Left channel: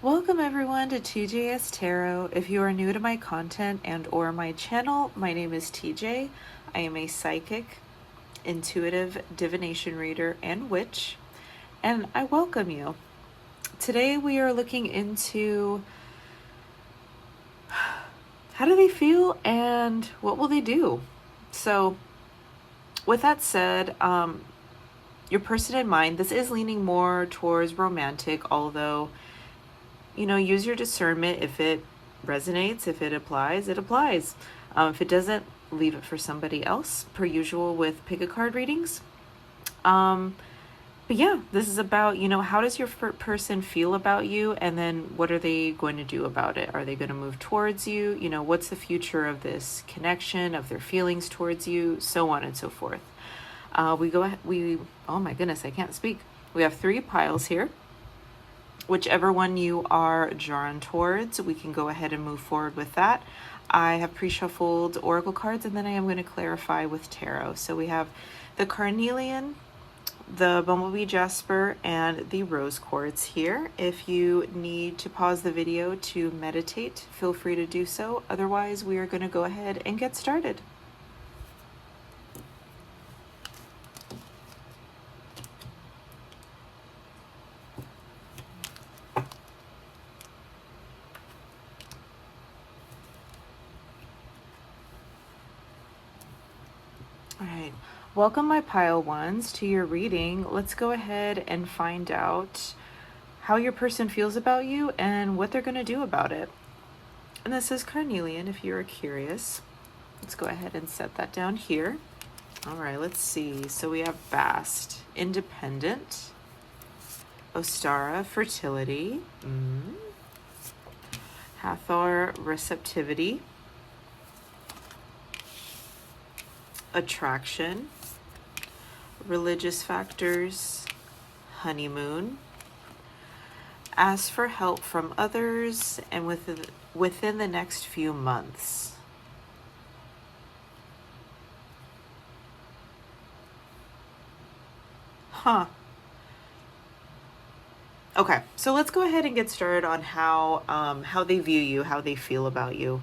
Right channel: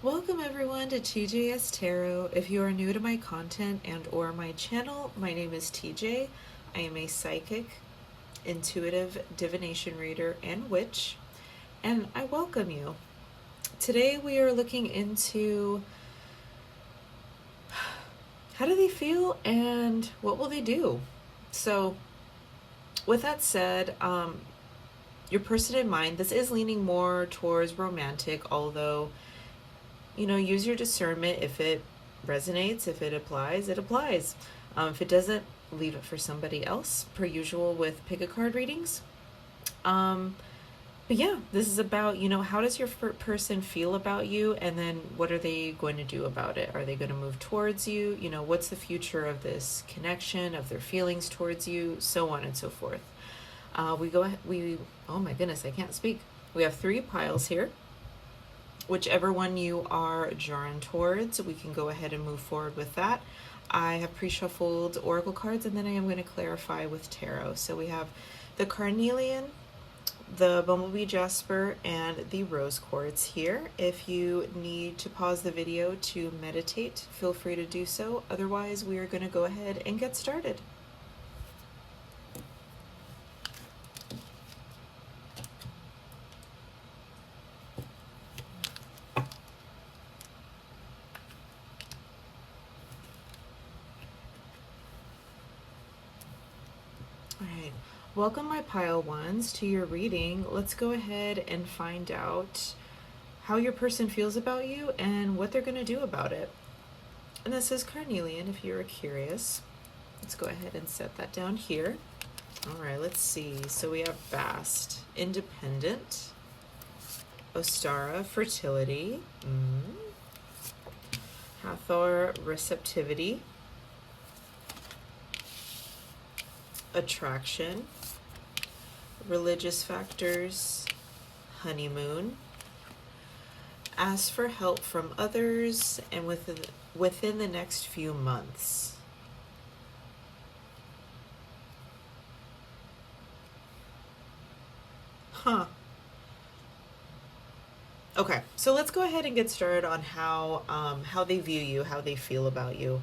Welcome everyone to TJSTAROT. If you are new to my content and or my channel, my name is TJ. I am a psychic, intuitive divination reader, and witch, and I welcome you. Today we are looking into how do they feel and what will they do? So with that said, your person in mind, this is leaning more towards romantic, although, you know, use your discernment. If it resonates, if it applies, it applies. If it doesn't, leave it for somebody else, per usual with pick a card readings. But yeah, this is about, you know, how does your person feel about you, and then what are they going to do about it? Are they going to move towards you? You know, what's the future of this connection, of their feelings towards you, so on and so forth. Oh my goodness, I can't speak. We have 3 piles here. Whichever one you are drawn towards, we can go ahead and move forward with that. I have pre-shuffled oracle cards, and then I am going to clarify with tarot. So we have the carnelian, the bumblebee jasper, and the rose quartz here. If you need to pause the video to meditate, feel free to do so. Otherwise, we are going to go ahead and get started. Alright, welcome my pile ones to your reading. Let's go ahead and find out how your person feels about you and what they're going to do about it. And this is carnelian if you're curious. Let's go ahead and set that down here. Alright, let's see. So we have Bast, independent. Ostara, fertility. Hathor, receptivity. Attraction, religious factors, honeymoon, ask for help from others, and within the next few months. Okay, so let's go ahead and get started on how they view you, how they feel about you.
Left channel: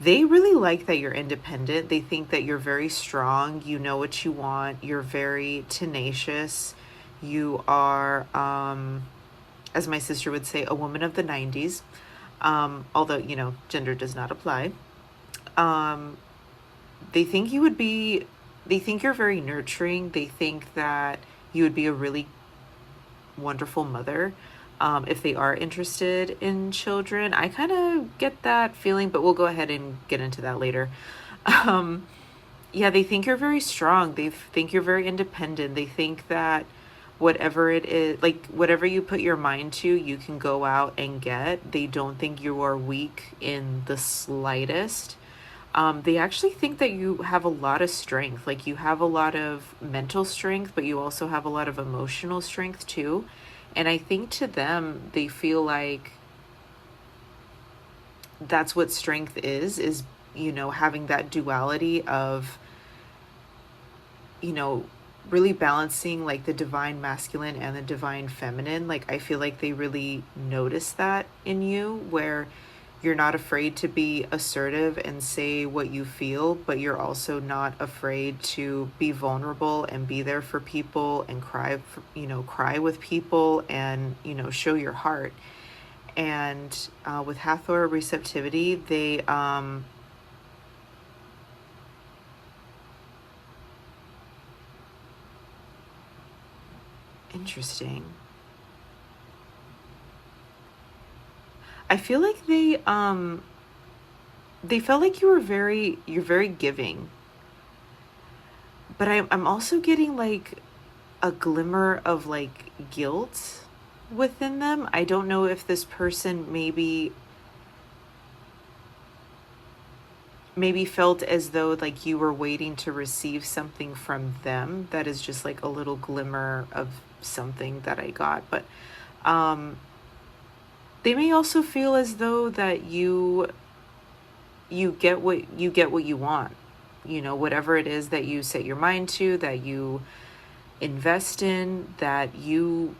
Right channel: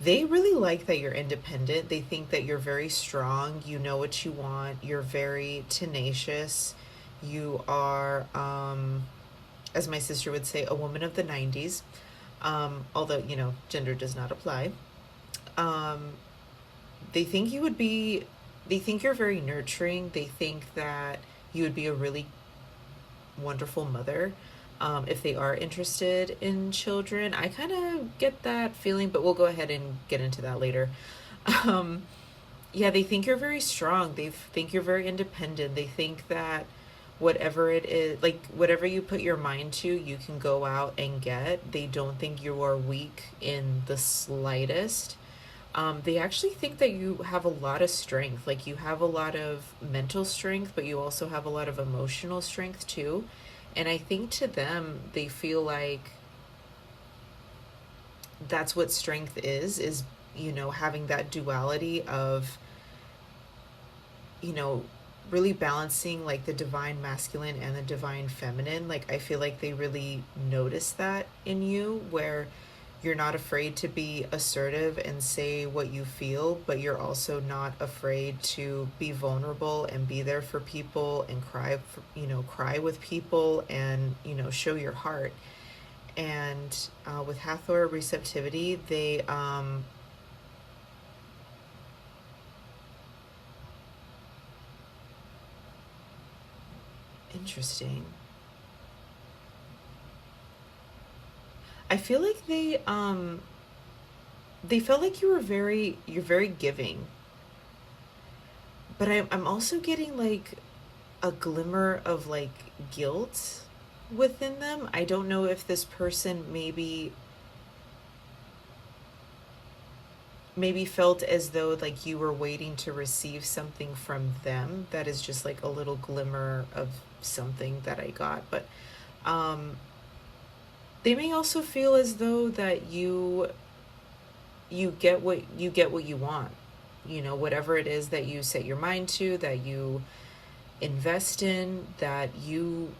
They really like that you're independent. They think that you're very strong. You know what you want. You're very tenacious. You are, as my sister would say, a woman of the 90s. Although, you know, gender does not apply. They think they think you're very nurturing. They think that you would be a really wonderful mother. If they are interested in children. I kind of get that feeling, but we'll go ahead and get into that later. Yeah, they think you're very strong. They think you're very independent. They think that whatever it is, like whatever you put your mind to, you can go out and get. They don't think you are weak in the slightest. They actually think that you have a lot of strength. Like you have a lot of mental strength, but you also have a lot of emotional strength too. And I think to them, they feel like that's what strength is, you know, having that duality of, you know, really balancing like the divine masculine and the divine feminine. Like, I feel like they really notice that in you, where you're not afraid to be assertive and say what you feel, but you're also not afraid to be vulnerable and be there for people and cry with people and, you know, show your heart. And with Hathor receptivity, they interesting. I feel like they felt like you're very giving, but I'm also getting like a glimmer of like guilt within them. I don't know if this person maybe felt as though like you were waiting to receive something from them. That is just like a little glimmer of something that I got, but they may also feel as though that you get what you want, you know, whatever it is that you set your mind to, that you invest in, that you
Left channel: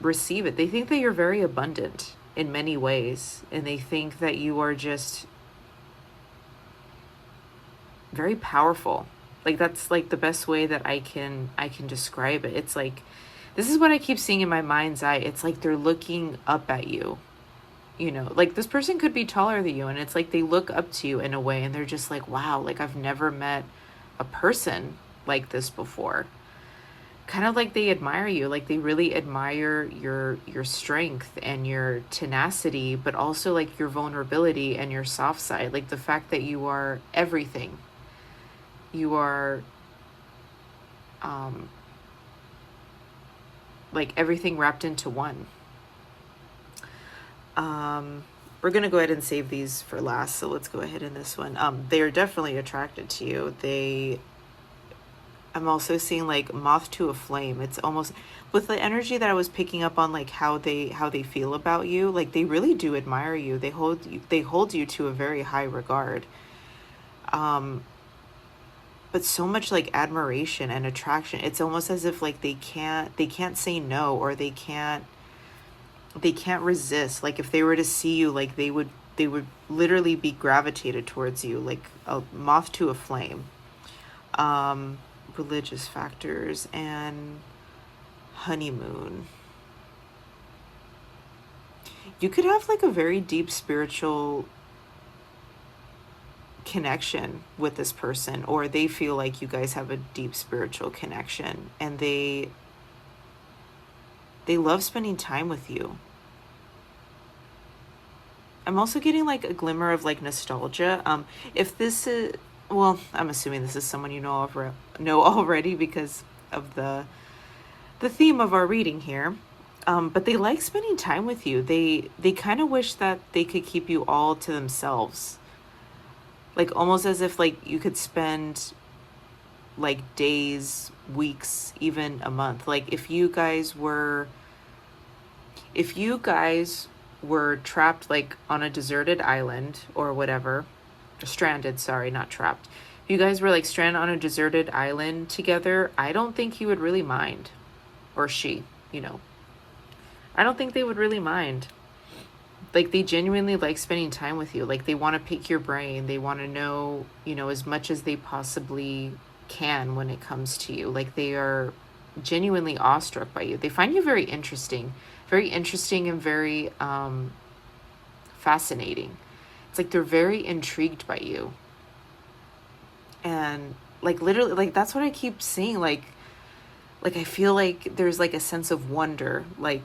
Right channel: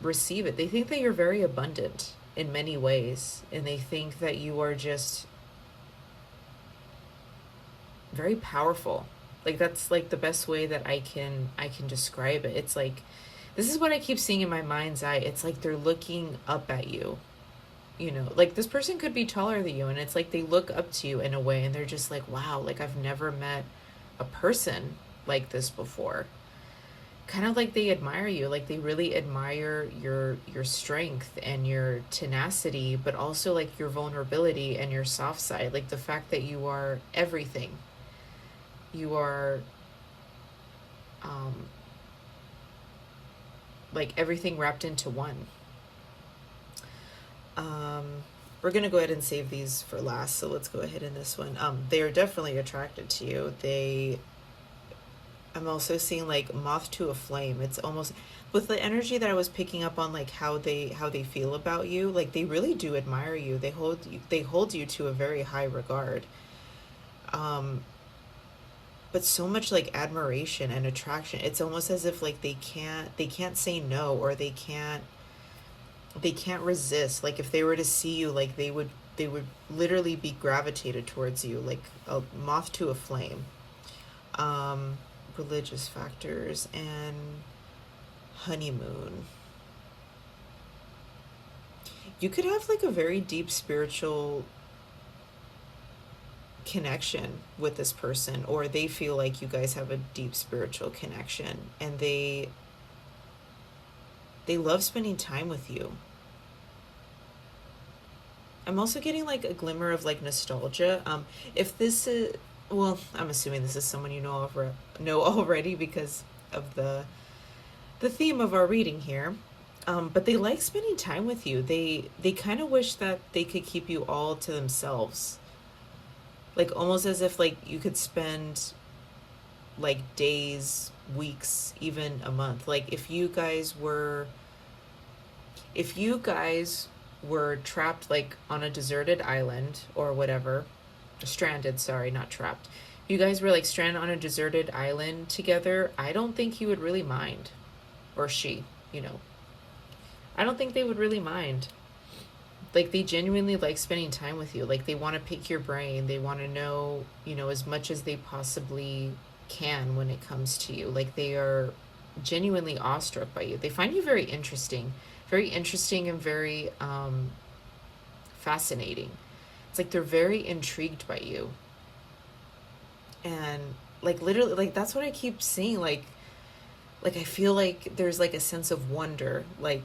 receive it. They think that you're very abundant in many ways, and they think that you are just very powerful. Like, that's like the best way that I can describe it. It's like, this is what I keep seeing in my mind's eye. It's like they're looking up at you. You know, like, this person could be taller than you, and it's like they look up to you in a way, and they're just like, wow, like, I've never met a person like this before. Kind of like they admire you, like they really admire your strength and your tenacity, but also like your vulnerability and your soft side, like the fact that you are everything. You are like everything wrapped into one. We're gonna go ahead and save these for last, so let's go ahead in this one. They are definitely attracted to you. I'm also seeing like moth to a flame. It's almost with the energy that I was picking up on, like how they feel about you. Like, they really do admire you. They hold you to a very high regard. But so much like admiration and attraction. It's almost as if like they can't say no, or they can't resist. Like, if they were to see you, like they would literally be gravitated towards you, like a moth to a flame. Religious factors and honeymoon. You could have like a very deep spiritual connection with this person, or they feel like you guys have a deep spiritual connection, and they love spending time with you. I'm also getting like a glimmer of like nostalgia. If this is, well, I'm assuming this is someone you know already because of the theme of our reading here. But they like spending time with you. They kind of wish that they could keep you all to themselves. Like, almost as if like you could spend like days, weeks, even a month. Like, if you guys were trapped like on a deserted island or whatever, stranded, sorry, not trapped. If you guys were like stranded on a deserted island together, I don't think he would really mind. Or she, you know. I don't think they would really mind. Like, they genuinely like spending time with you. Like, they want to pick your brain. They want to know, you know, as much as they possibly can when it comes to you. Like, they are genuinely awestruck by you. They find you very interesting and very fascinating. It's like they're very intrigued by you. And like, literally, like, that's what I keep seeing. Like I feel like there's like a sense of wonder, like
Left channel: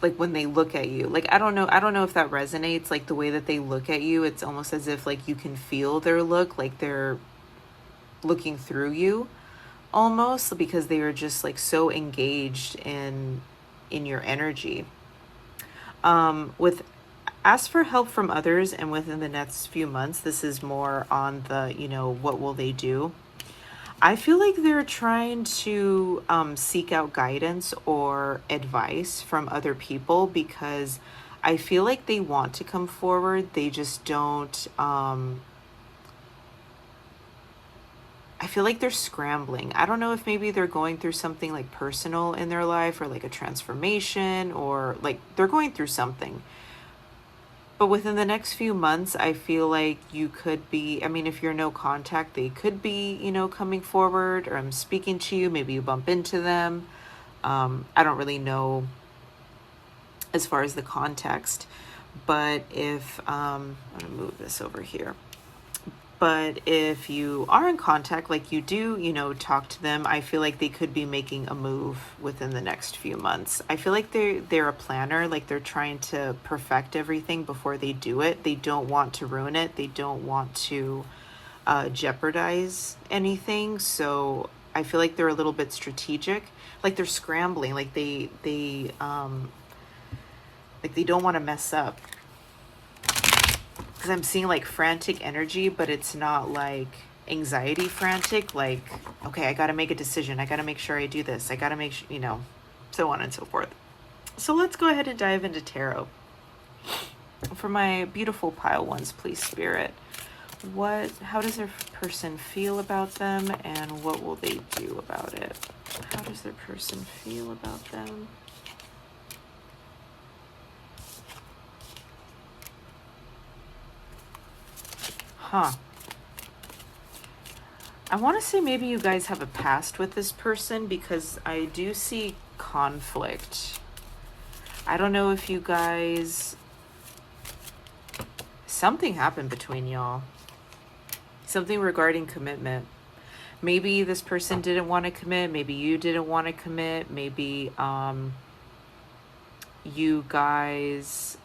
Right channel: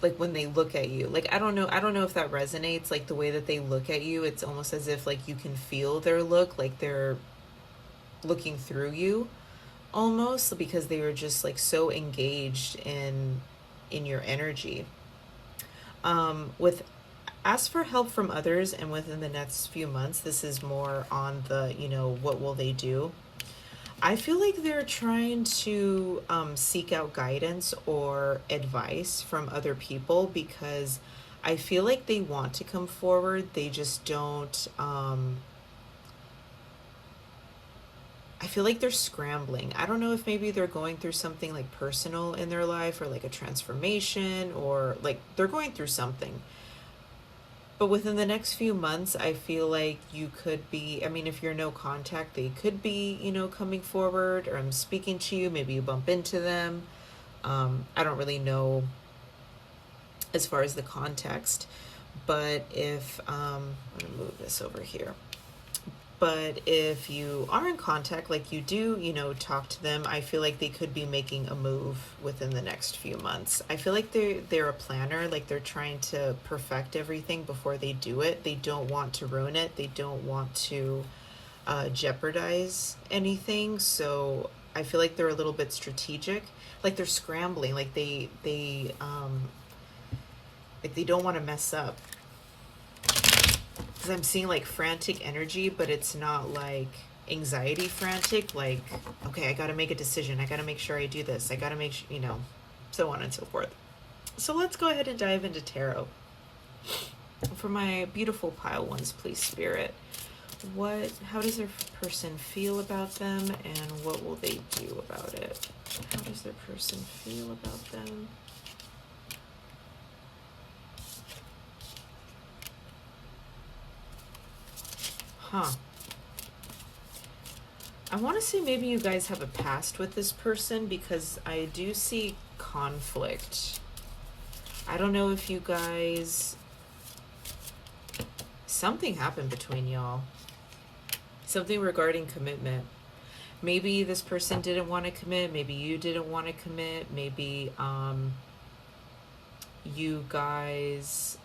when they look at you. Like, I don't know if that resonates, like the way that they look at you. It's almost as if like you can feel their look, like they're looking through you almost, because they are just like so engaged in your energy. With ask for help from others, and within the next few months, this is more on the, you know, what will they do? I feel like they're trying to seek out guidance or advice from other people, because I feel like they want to come forward. They just don't. I feel like they're scrambling. I don't know if maybe they're going through something like personal in their life, or like a transformation, or like they're going through something. But within the next few months, I feel like you could be, I mean, if you're no contact, they could be, you know, coming forward, or I'm speaking to you. Maybe you bump into them. I don't really know as far as the context. But if, I'm going to move this over here. But if you are in contact, like you do, you know, talk to them, I feel like they could be making a move within the next few months. I feel like they're a planner, like they're trying to perfect everything before they do it. They don't want to ruin it. They don't want to jeopardize anything. So I feel like they're a little bit strategic, like they're scrambling, like they don't want to mess up. Because I'm seeing like frantic energy, but it's not like anxiety frantic, like, okay, I got to make a decision. I got to make sure I do this. I got to make sure, you know, so on and so forth. So let's go ahead and dive into tarot. For my beautiful pile ones, please, Spirit, how does their person feel about them, and what will they do about it? How does their person feel about them? I want to say maybe you guys have a past with this person, because I do see conflict. I don't know if you guys... Something happened between y'all. Something regarding commitment. Maybe this person didn't want to commit. Maybe you didn't want to commit. Maybe you guys...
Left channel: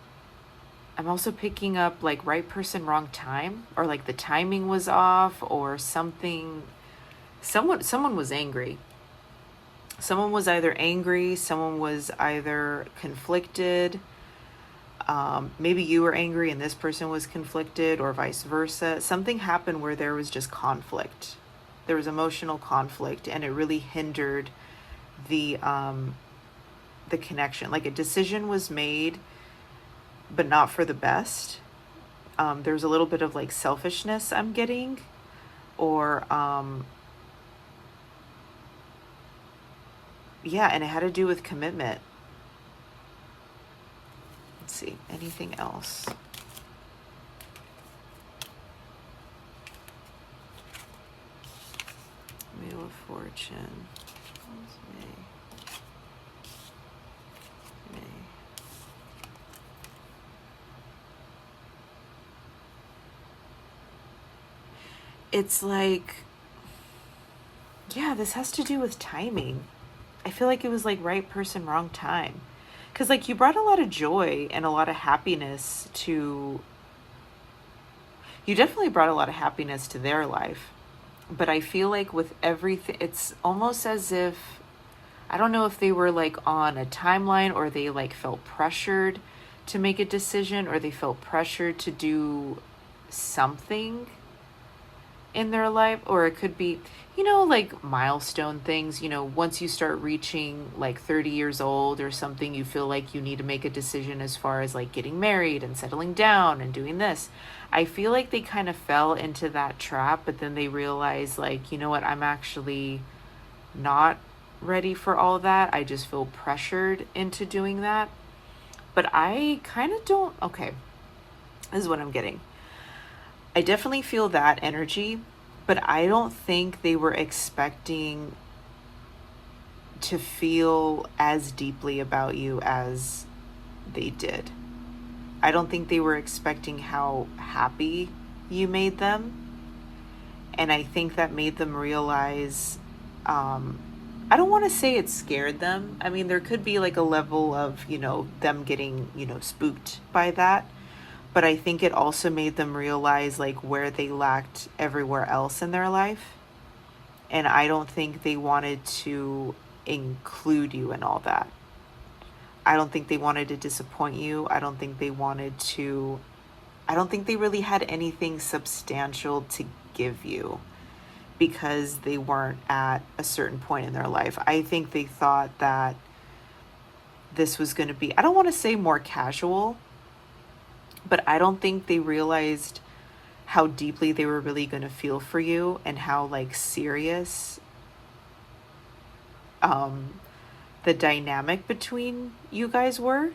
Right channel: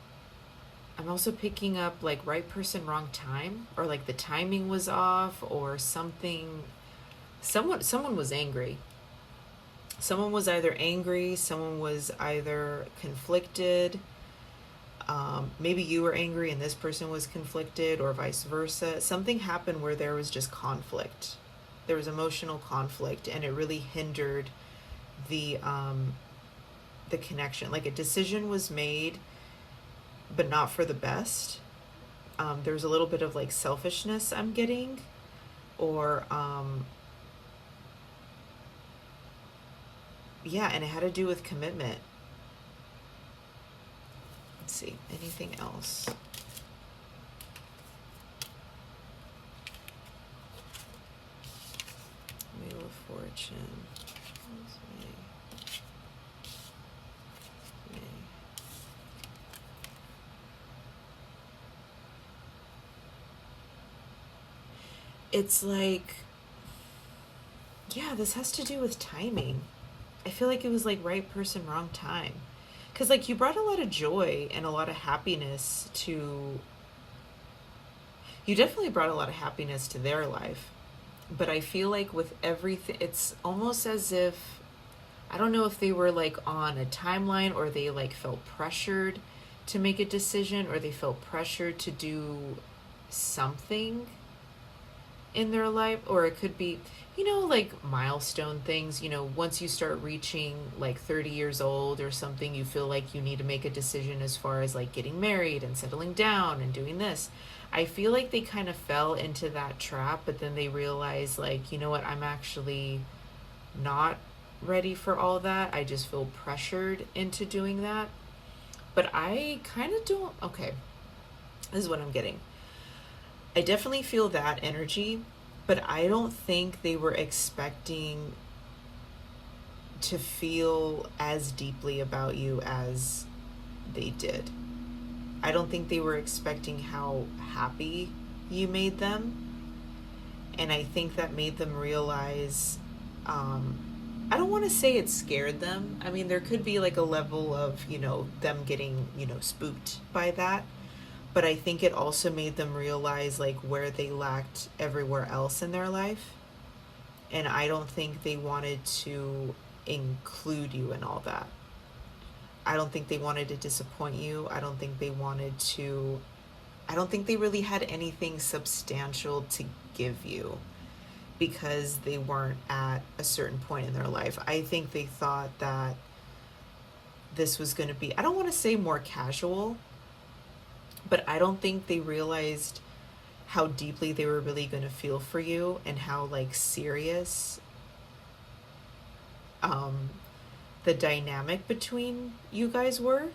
I'm also picking up like right person, wrong time, or like the timing was off, or something. Someone was angry. Someone was either angry, someone was either conflicted. Maybe you were angry and this person was conflicted, or vice versa. Something happened where there was just conflict. There was emotional conflict, and it really hindered the connection. Like a decision was made, but not for the best. There's a little bit of like selfishness I'm getting, or yeah, and it had to do with commitment. Let's see, anything else? Wheel of Fortune. It's like, yeah, this has to do with timing. I feel like it was like right person, wrong time. Because like you brought a lot of joy and a lot of happiness to... You definitely brought a lot of happiness to their life. But I feel like with everything, it's almost as if... I don't know if they were like on a timeline, or they like felt pressured to make a decision, or they felt pressured to do something in their life. Or it could be, you know, like milestone things. You know, once you start reaching like 30 years old or something, you feel like you need to make a decision as far as like getting married and settling down and doing this. I feel like they kind of fell into that trap, but then they realized like, you know what, I'm actually not ready for all that. I just feel pressured into doing that. But I kind of don't... Okay, this is what I'm getting. I definitely feel that energy, but I don't think they were expecting to feel as deeply about you as they did. I don't think they were expecting how happy you made them. And I think that made them realize, I don't want to say it scared them. I mean, there could be like a level of, you know, them getting, you know, spooked by that. But I think it also made them realize like where they lacked everywhere else in their life. And I don't think they wanted to include you in all that. I don't think they wanted to disappoint you. I don't think they really had anything substantial to give you, because they weren't at a certain point in their life. I think they thought that this was going to be, I don't want to say more casual, but I don't think they realized how deeply they were really going to feel for you, and how like serious the dynamic between you guys were,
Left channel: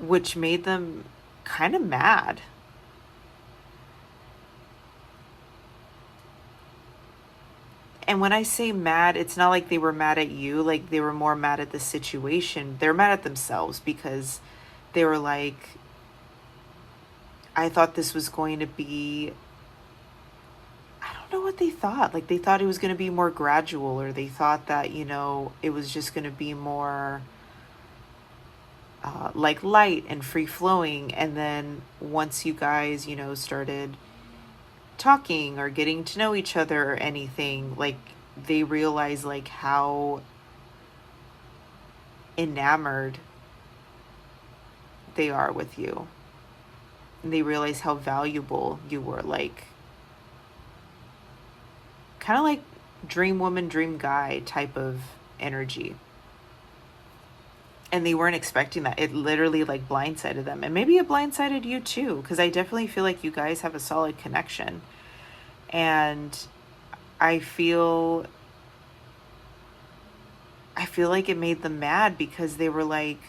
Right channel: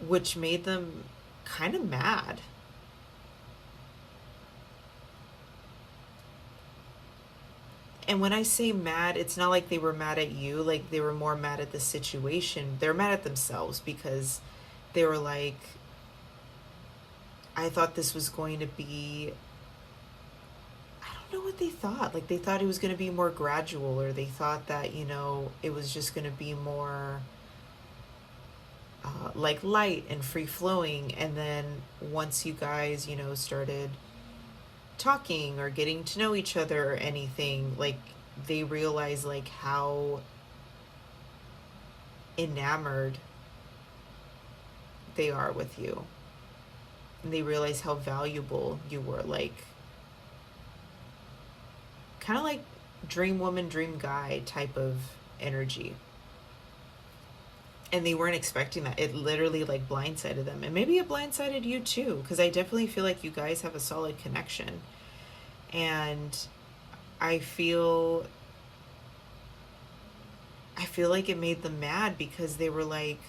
which made them kind of mad. And when I say mad, it's not like they were mad at you, like they were more mad at the situation. They're mad at themselves, because they were like, I thought this was going to be, I don't know what they thought. Like they thought it was going to be more gradual, or they thought that, you know, it was just going to be more like light and free flowing. And then once you guys, you know, started talking or getting to know each other or anything, like they realized like how enamored they are with you. And they realize how valuable you were, like kind of like dream woman, dream guy type of energy. And they weren't expecting that. It literally like blindsided them. And maybe it blindsided you too, because I definitely feel like you guys have a solid connection. And I feel like it made them mad because they were like,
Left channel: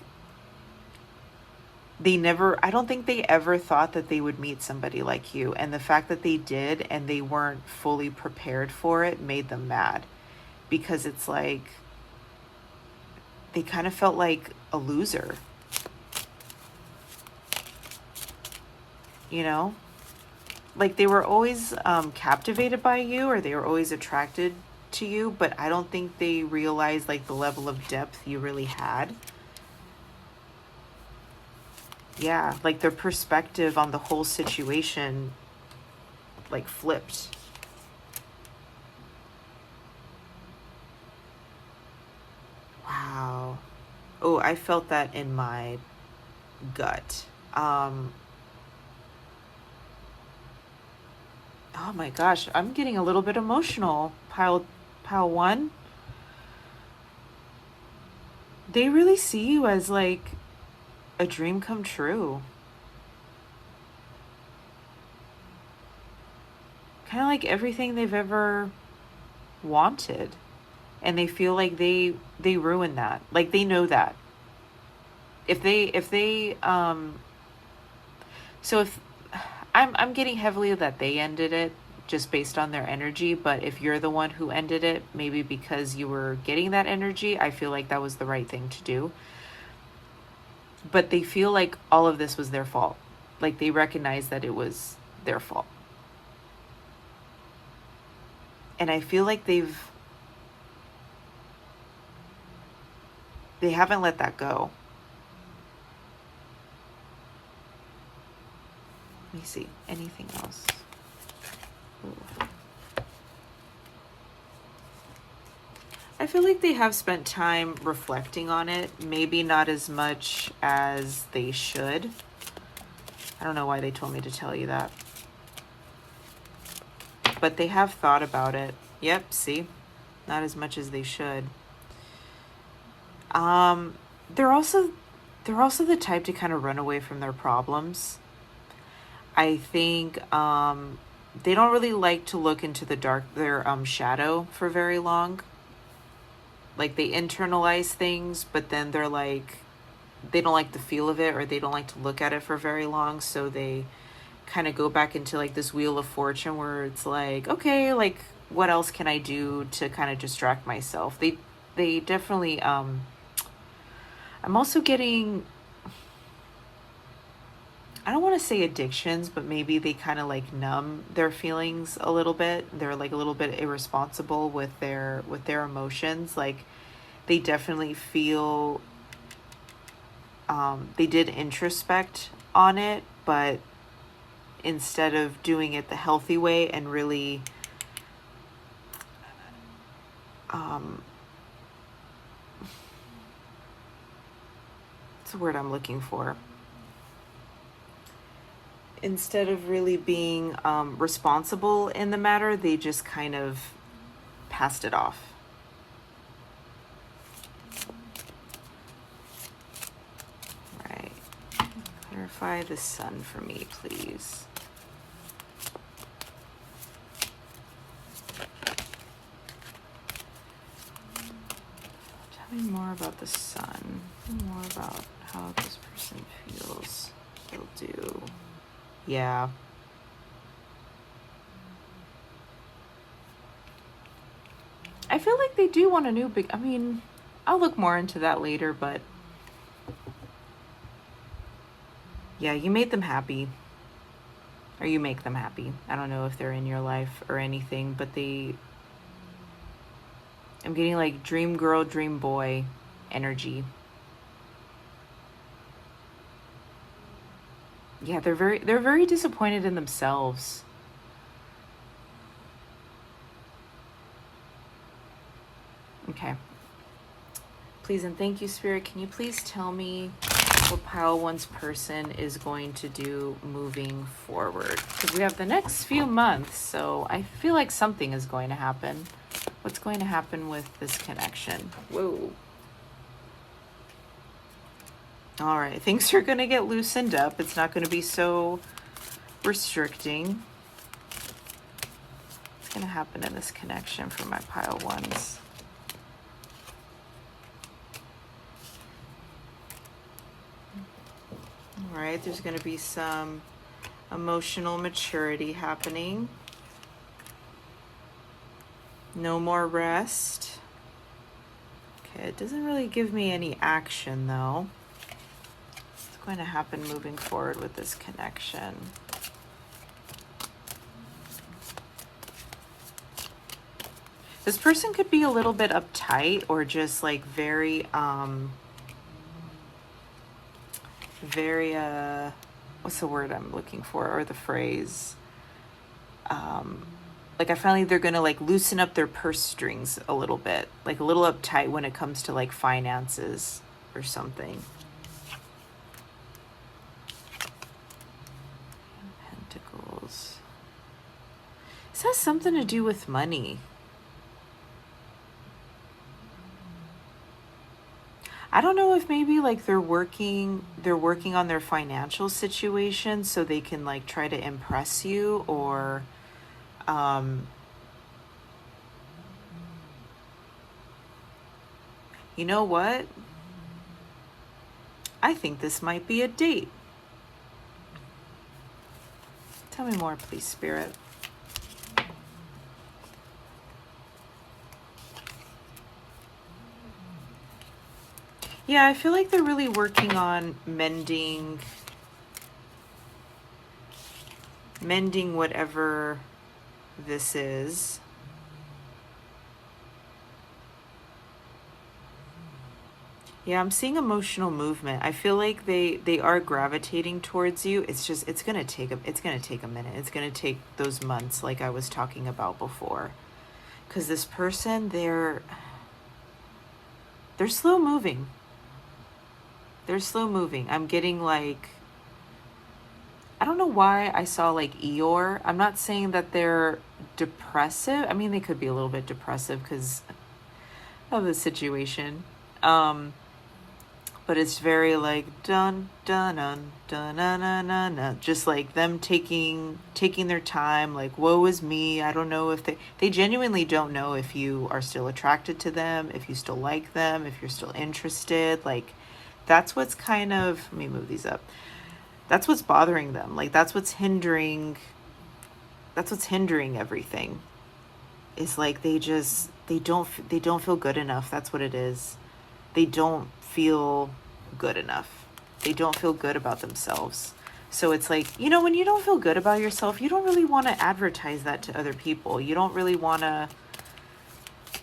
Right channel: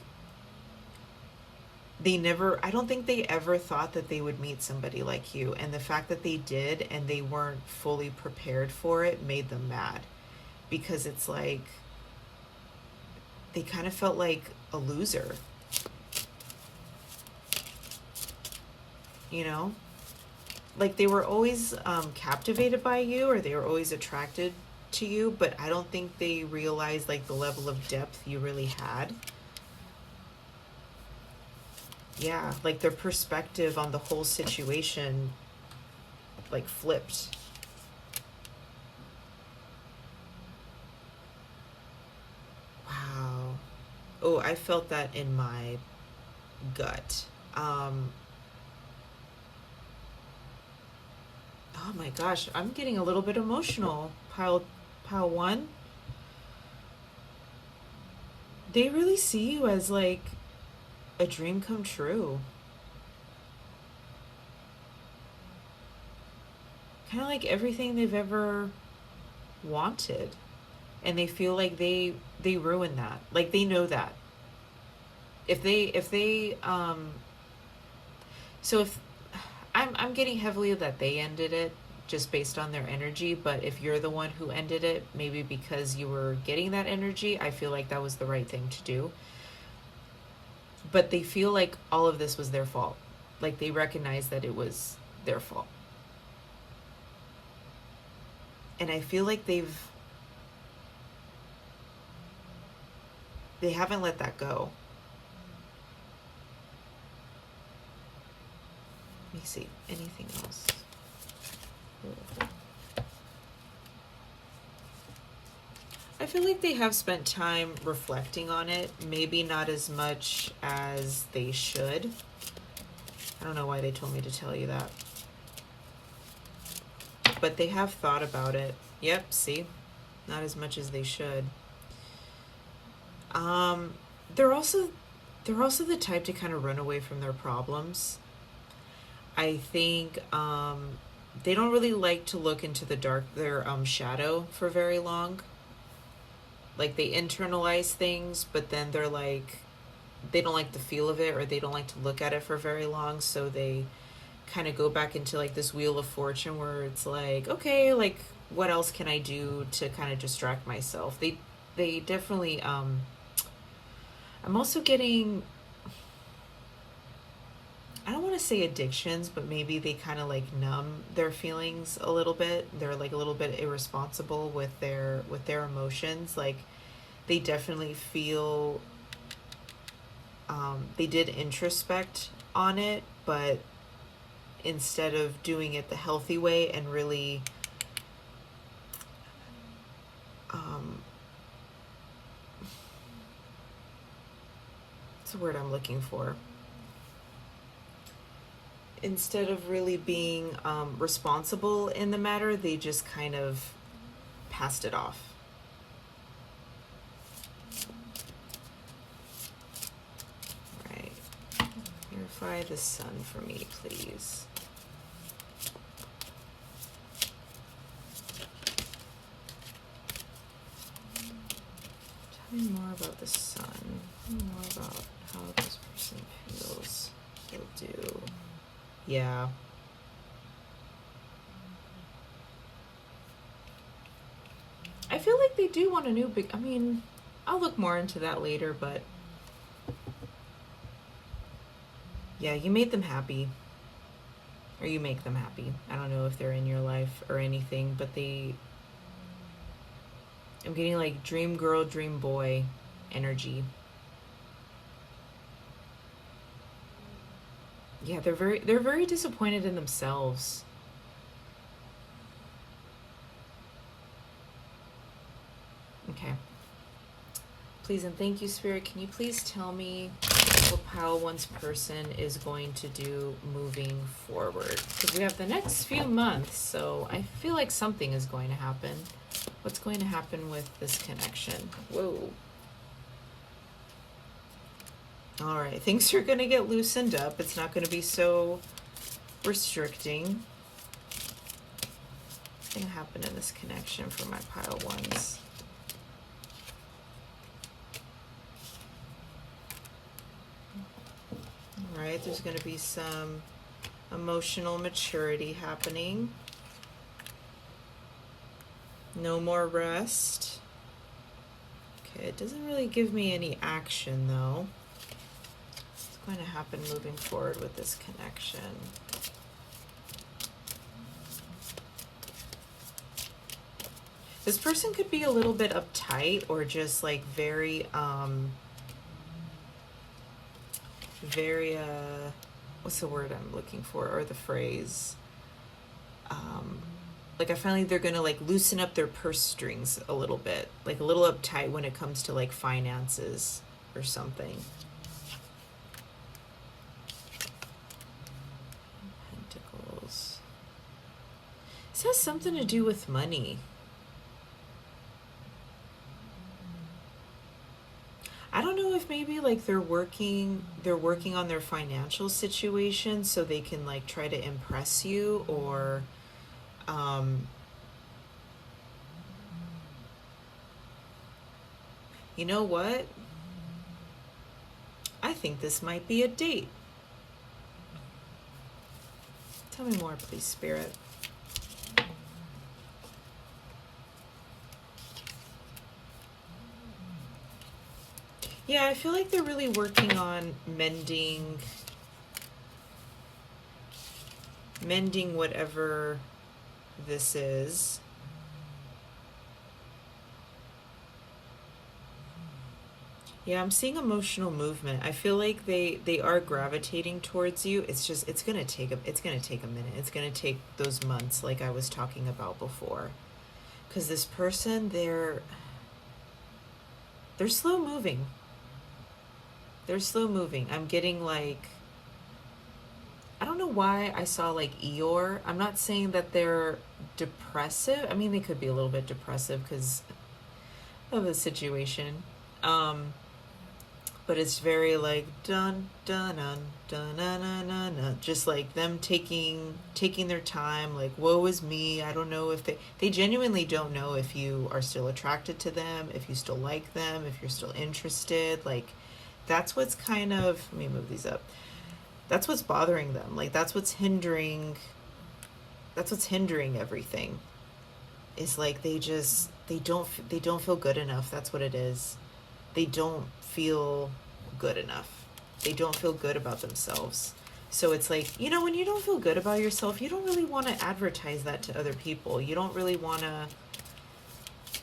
I don't think they ever thought that they would meet somebody like you. And the fact that they did and they weren't fully prepared for it made them mad, because it's like, they kind of felt like a loser, you know? Like they were always captivated by you, or they were always attracted to you, but I don't think they realized like the level of depth you really had. Yeah, like their perspective on the whole situation like flipped. Wow. Oh, I felt that in my gut. Oh my gosh, I'm getting a little bit emotional. Pile one. They really see you as like a dream come true. Kind of like everything they've ever wanted. And they feel like they ruined that. Like they know that. So if I'm getting heavily that they ended it just based on their energy, but if you're the one who ended it, maybe because you were getting that energy, I feel like that was the right thing to do. But they feel like all of this was their fault. Like they recognize that it was their fault. And I feel like they haven't let that go. Let me see. Anything else? Ooh. I feel like they have spent time reflecting on it. Maybe not as much as they should. I don't know why they told me to tell you that. But they have thought about it. Yep, see? Not as much as they should. They're also the type to kind of run away from their problems. I think they don't really like to look into their shadow for very long. Like they internalize things, but then they're like, they don't like the feel of it, or they don't like to look at it for very long. So they kind of go back into like this wheel of fortune where it's like, okay, like what else can I do to kind of distract myself? They definitely, I'm also getting, I don't want to say addictions, but maybe they kind of like numb their feelings a little bit. They're like a little bit irresponsible with their emotions. Like they definitely feel, they did introspect on it, but instead of doing it the healthy way and really what's the word I'm looking for? Instead of really being responsible in the matter, they just kind of passed it off. Right. Clarify the sun for me, please. Tell me more about the sun. Tell me more about how this person feels. They'll do. Yeah. I feel like they do want a new I mean, I'll look more into that later, but yeah, you made them happy. Or you make them happy. I don't know if they're in your life or anything, but I'm getting like dream girl, dream boy energy. Yeah, they're very disappointed in themselves. Okay. Please and thank you, Spirit. Can you please tell me what Pile 1's person is going to do moving forward? Because we have the next few months, so I feel like something is going to happen. What's going to happen with this connection? Whoa. All right, things are going to get loosened up. It's not going to be so restricting. What's going to happen in this connection for my pile ones? All right, there's going to be some emotional maturity happening. No more rest. Okay, it doesn't really give me any action though. What's going to happen moving forward with this connection? This person could be a little bit uptight or just like very, what's the word I'm looking for, or the phrase? Like I feel like they're gonna like loosen up their purse strings a little bit, like a little uptight when it comes to like finances or something. Pentacles. This has something to do with money. I don't know if maybe like they're working on their financial situation so they can like try to impress you, or you know what? I think this might be a date. Tell me more, please, Spirit. Yeah, I feel like they're really working on mending whatever this is. Yeah, I'm seeing emotional movement. I feel like they are gravitating towards you. It's just it's gonna take a minute. It's gonna take those months, like I was talking about before. Because this person, they're slow moving. They're slow moving. I'm getting like, I don't know why I saw like Eeyore. I'm not saying that they're depressive. I mean, they could be a little bit depressive because of the situation. But it's very like dun dun dun dun dun dun dun, dun. Just like them taking their time. Like, woe is me. I don't know if they genuinely don't know if you are still attracted to them, if you still like them, if you're still interested. Like, that's what's kind of, let me move these up. That's what's bothering them. Like, that's what's hindering everything. Is like they don't feel good enough. That's what it is. They don't feel good enough. They don't feel good about themselves. So it's like, you know, when you don't feel good about yourself, you don't really want to advertise that to other people. You don't really want to,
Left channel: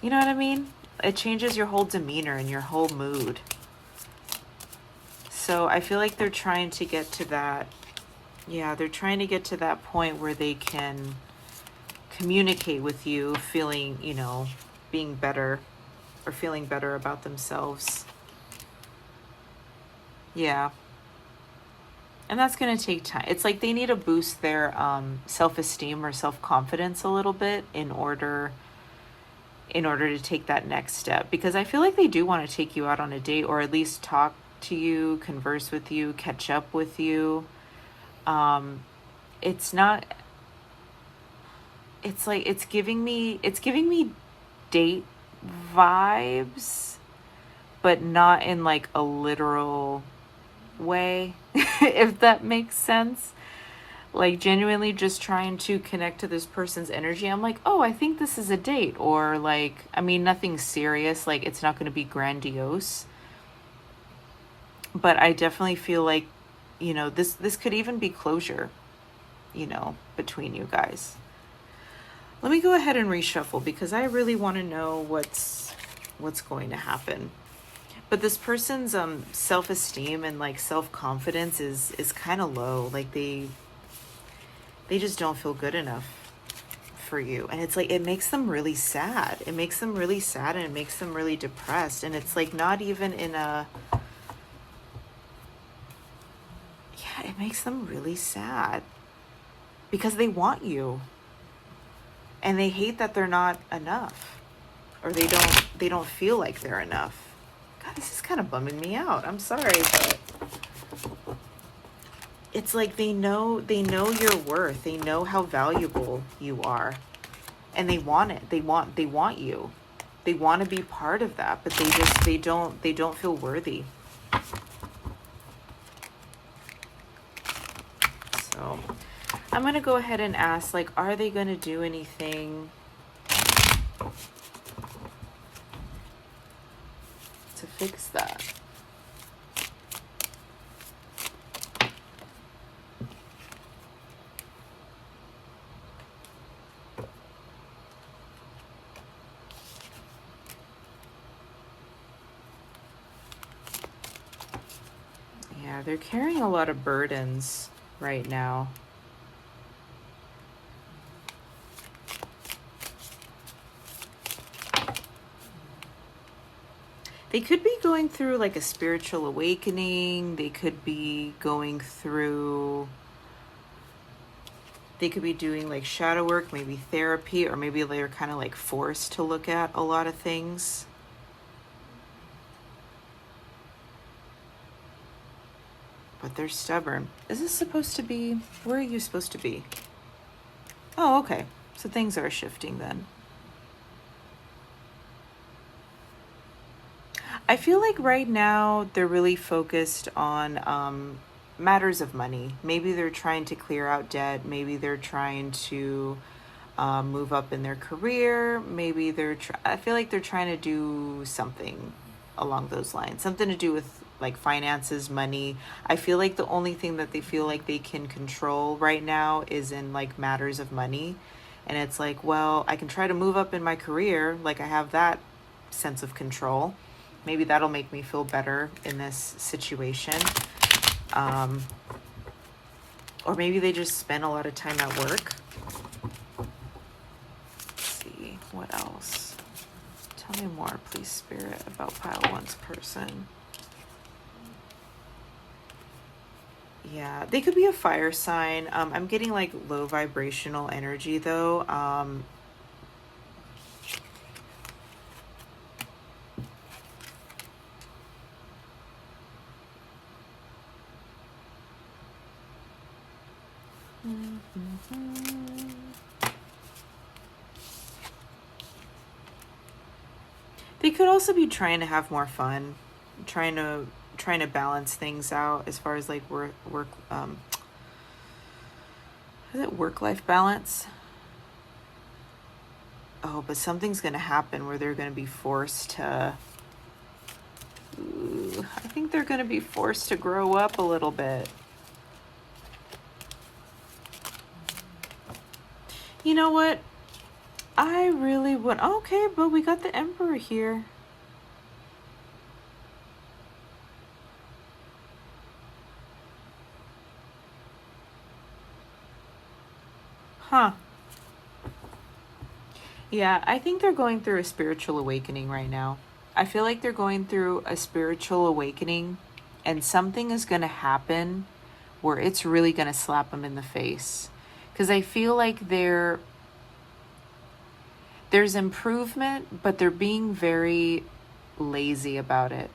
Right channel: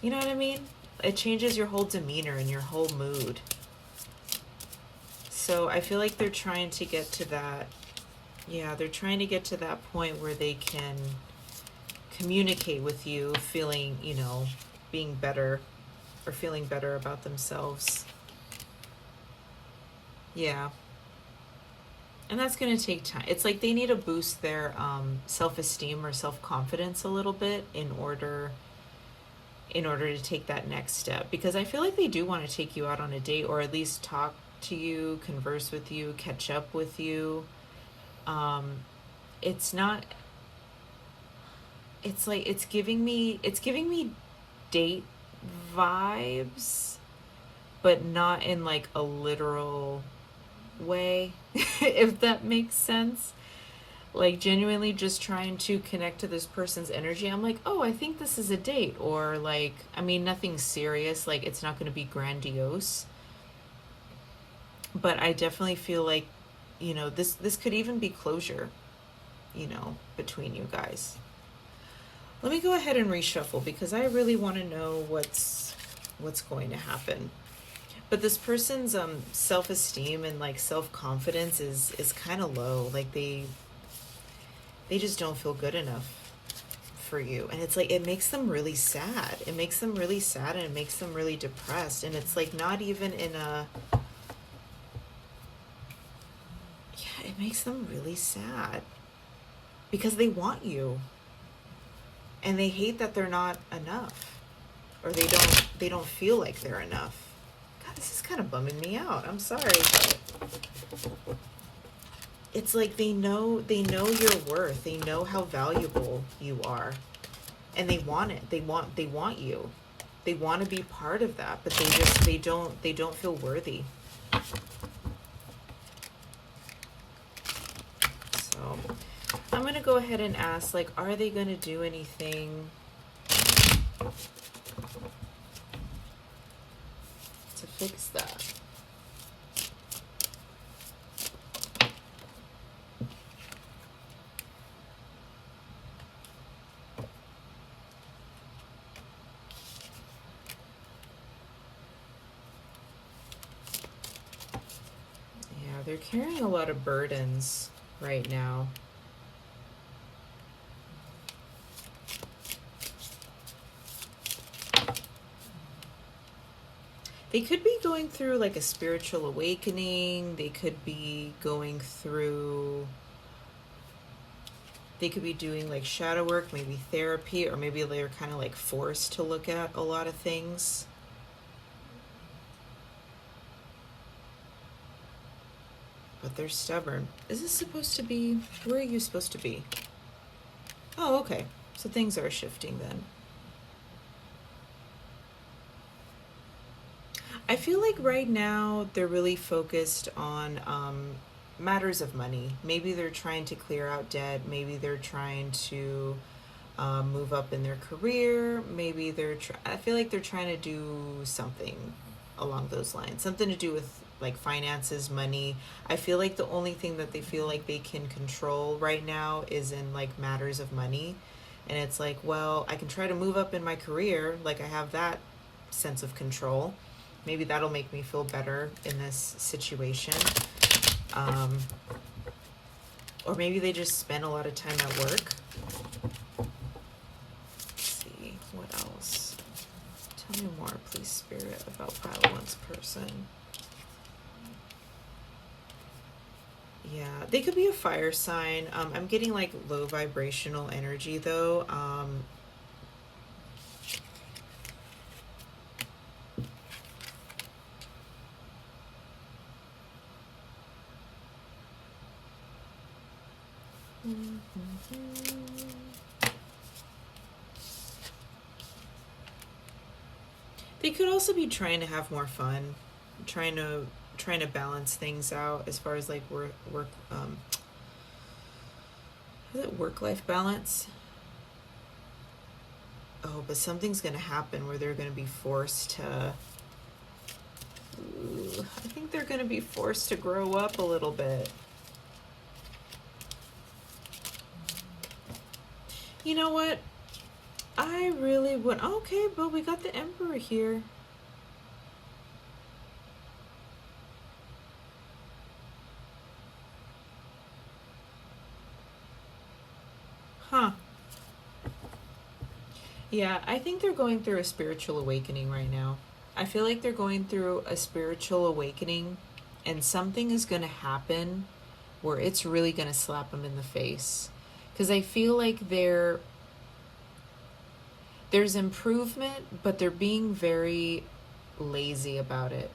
you know what I mean? It changes your whole demeanor and your whole mood. So I feel like they're trying to get to that. Yeah, they're trying to get to that point where they can communicate with you feeling, you know, being better or feeling better about themselves. Yeah. And that's going to take time. It's like they need to boost their self-esteem or self-confidence a little bit in order to take that next step. Because I feel like they do want to take you out on a date, or at least talk to you, converse with you, catch up with you. It's like it's giving me date vibes, but not in like a literal way, if that makes sense. Like genuinely just trying to connect to this person's energy. I'm like, oh, I think this is a date, or like, I mean, nothing serious, like it's not going to be grandiose, but I definitely feel like, you know, this could even be closure, you know, between you guys. Let me go ahead and reshuffle because I really want to know what's going to happen. But this person's self-esteem and like self-confidence is kind of low. Like they just don't feel good enough for you. And it's like, it makes them really sad. It makes them really sad and it makes them really depressed. And it's like not even in a, yeah, it makes them really sad because they want you. And they hate that they're not enough, or they don't feel like they're enough. God, This is kind of bumming me out. I'm sorry, but it's like they know your worth. They know how valuable you are. And they want it. They want you. They want to be part of that, but they don't feel worthy. So I'm going to go ahead and ask, like, are they going to do anything to fix that? Yeah, they're carrying a lot of burdens right now. They could be going through like a spiritual awakening. They could be going through, they could be doing like shadow work, maybe therapy, or maybe they're kind of like forced to look at a lot of things. But they're stubborn. Is this supposed to be, where are you supposed to be? Oh, okay. So things are shifting then. I feel like right now they're really focused on matters of money. Maybe they're trying to clear out debt. Maybe they're trying to move up in their career. Maybe I feel like they're trying to do something along those lines. Something to do with like finances, money. I feel like the only thing that they feel like they can control right now is in like matters of money. And it's like, well, I can try to move up in my career. Like I have that sense of control. Maybe that'll make me feel better in this situation. Or maybe they just spend a lot of time at work. Let's see, what else? Tell me more, please, Spirit, about Pile 1's person. Yeah, they could be a fire sign. I'm getting like low vibrational energy though. They could also be trying to have more fun, trying to balance things out as far as like is it work-life balance? Oh, but something's going to happen where they're going to be forced to, I think they're going to be forced to grow up a little bit. You know what? I really would. Okay, but we got the Emperor here. Huh. Yeah, I think they're going through a spiritual awakening right now. I feel like they're going through a spiritual awakening, and something is going to happen where it's really going to slap them in the face. Because I feel like there's improvement, but they're being very lazy about it.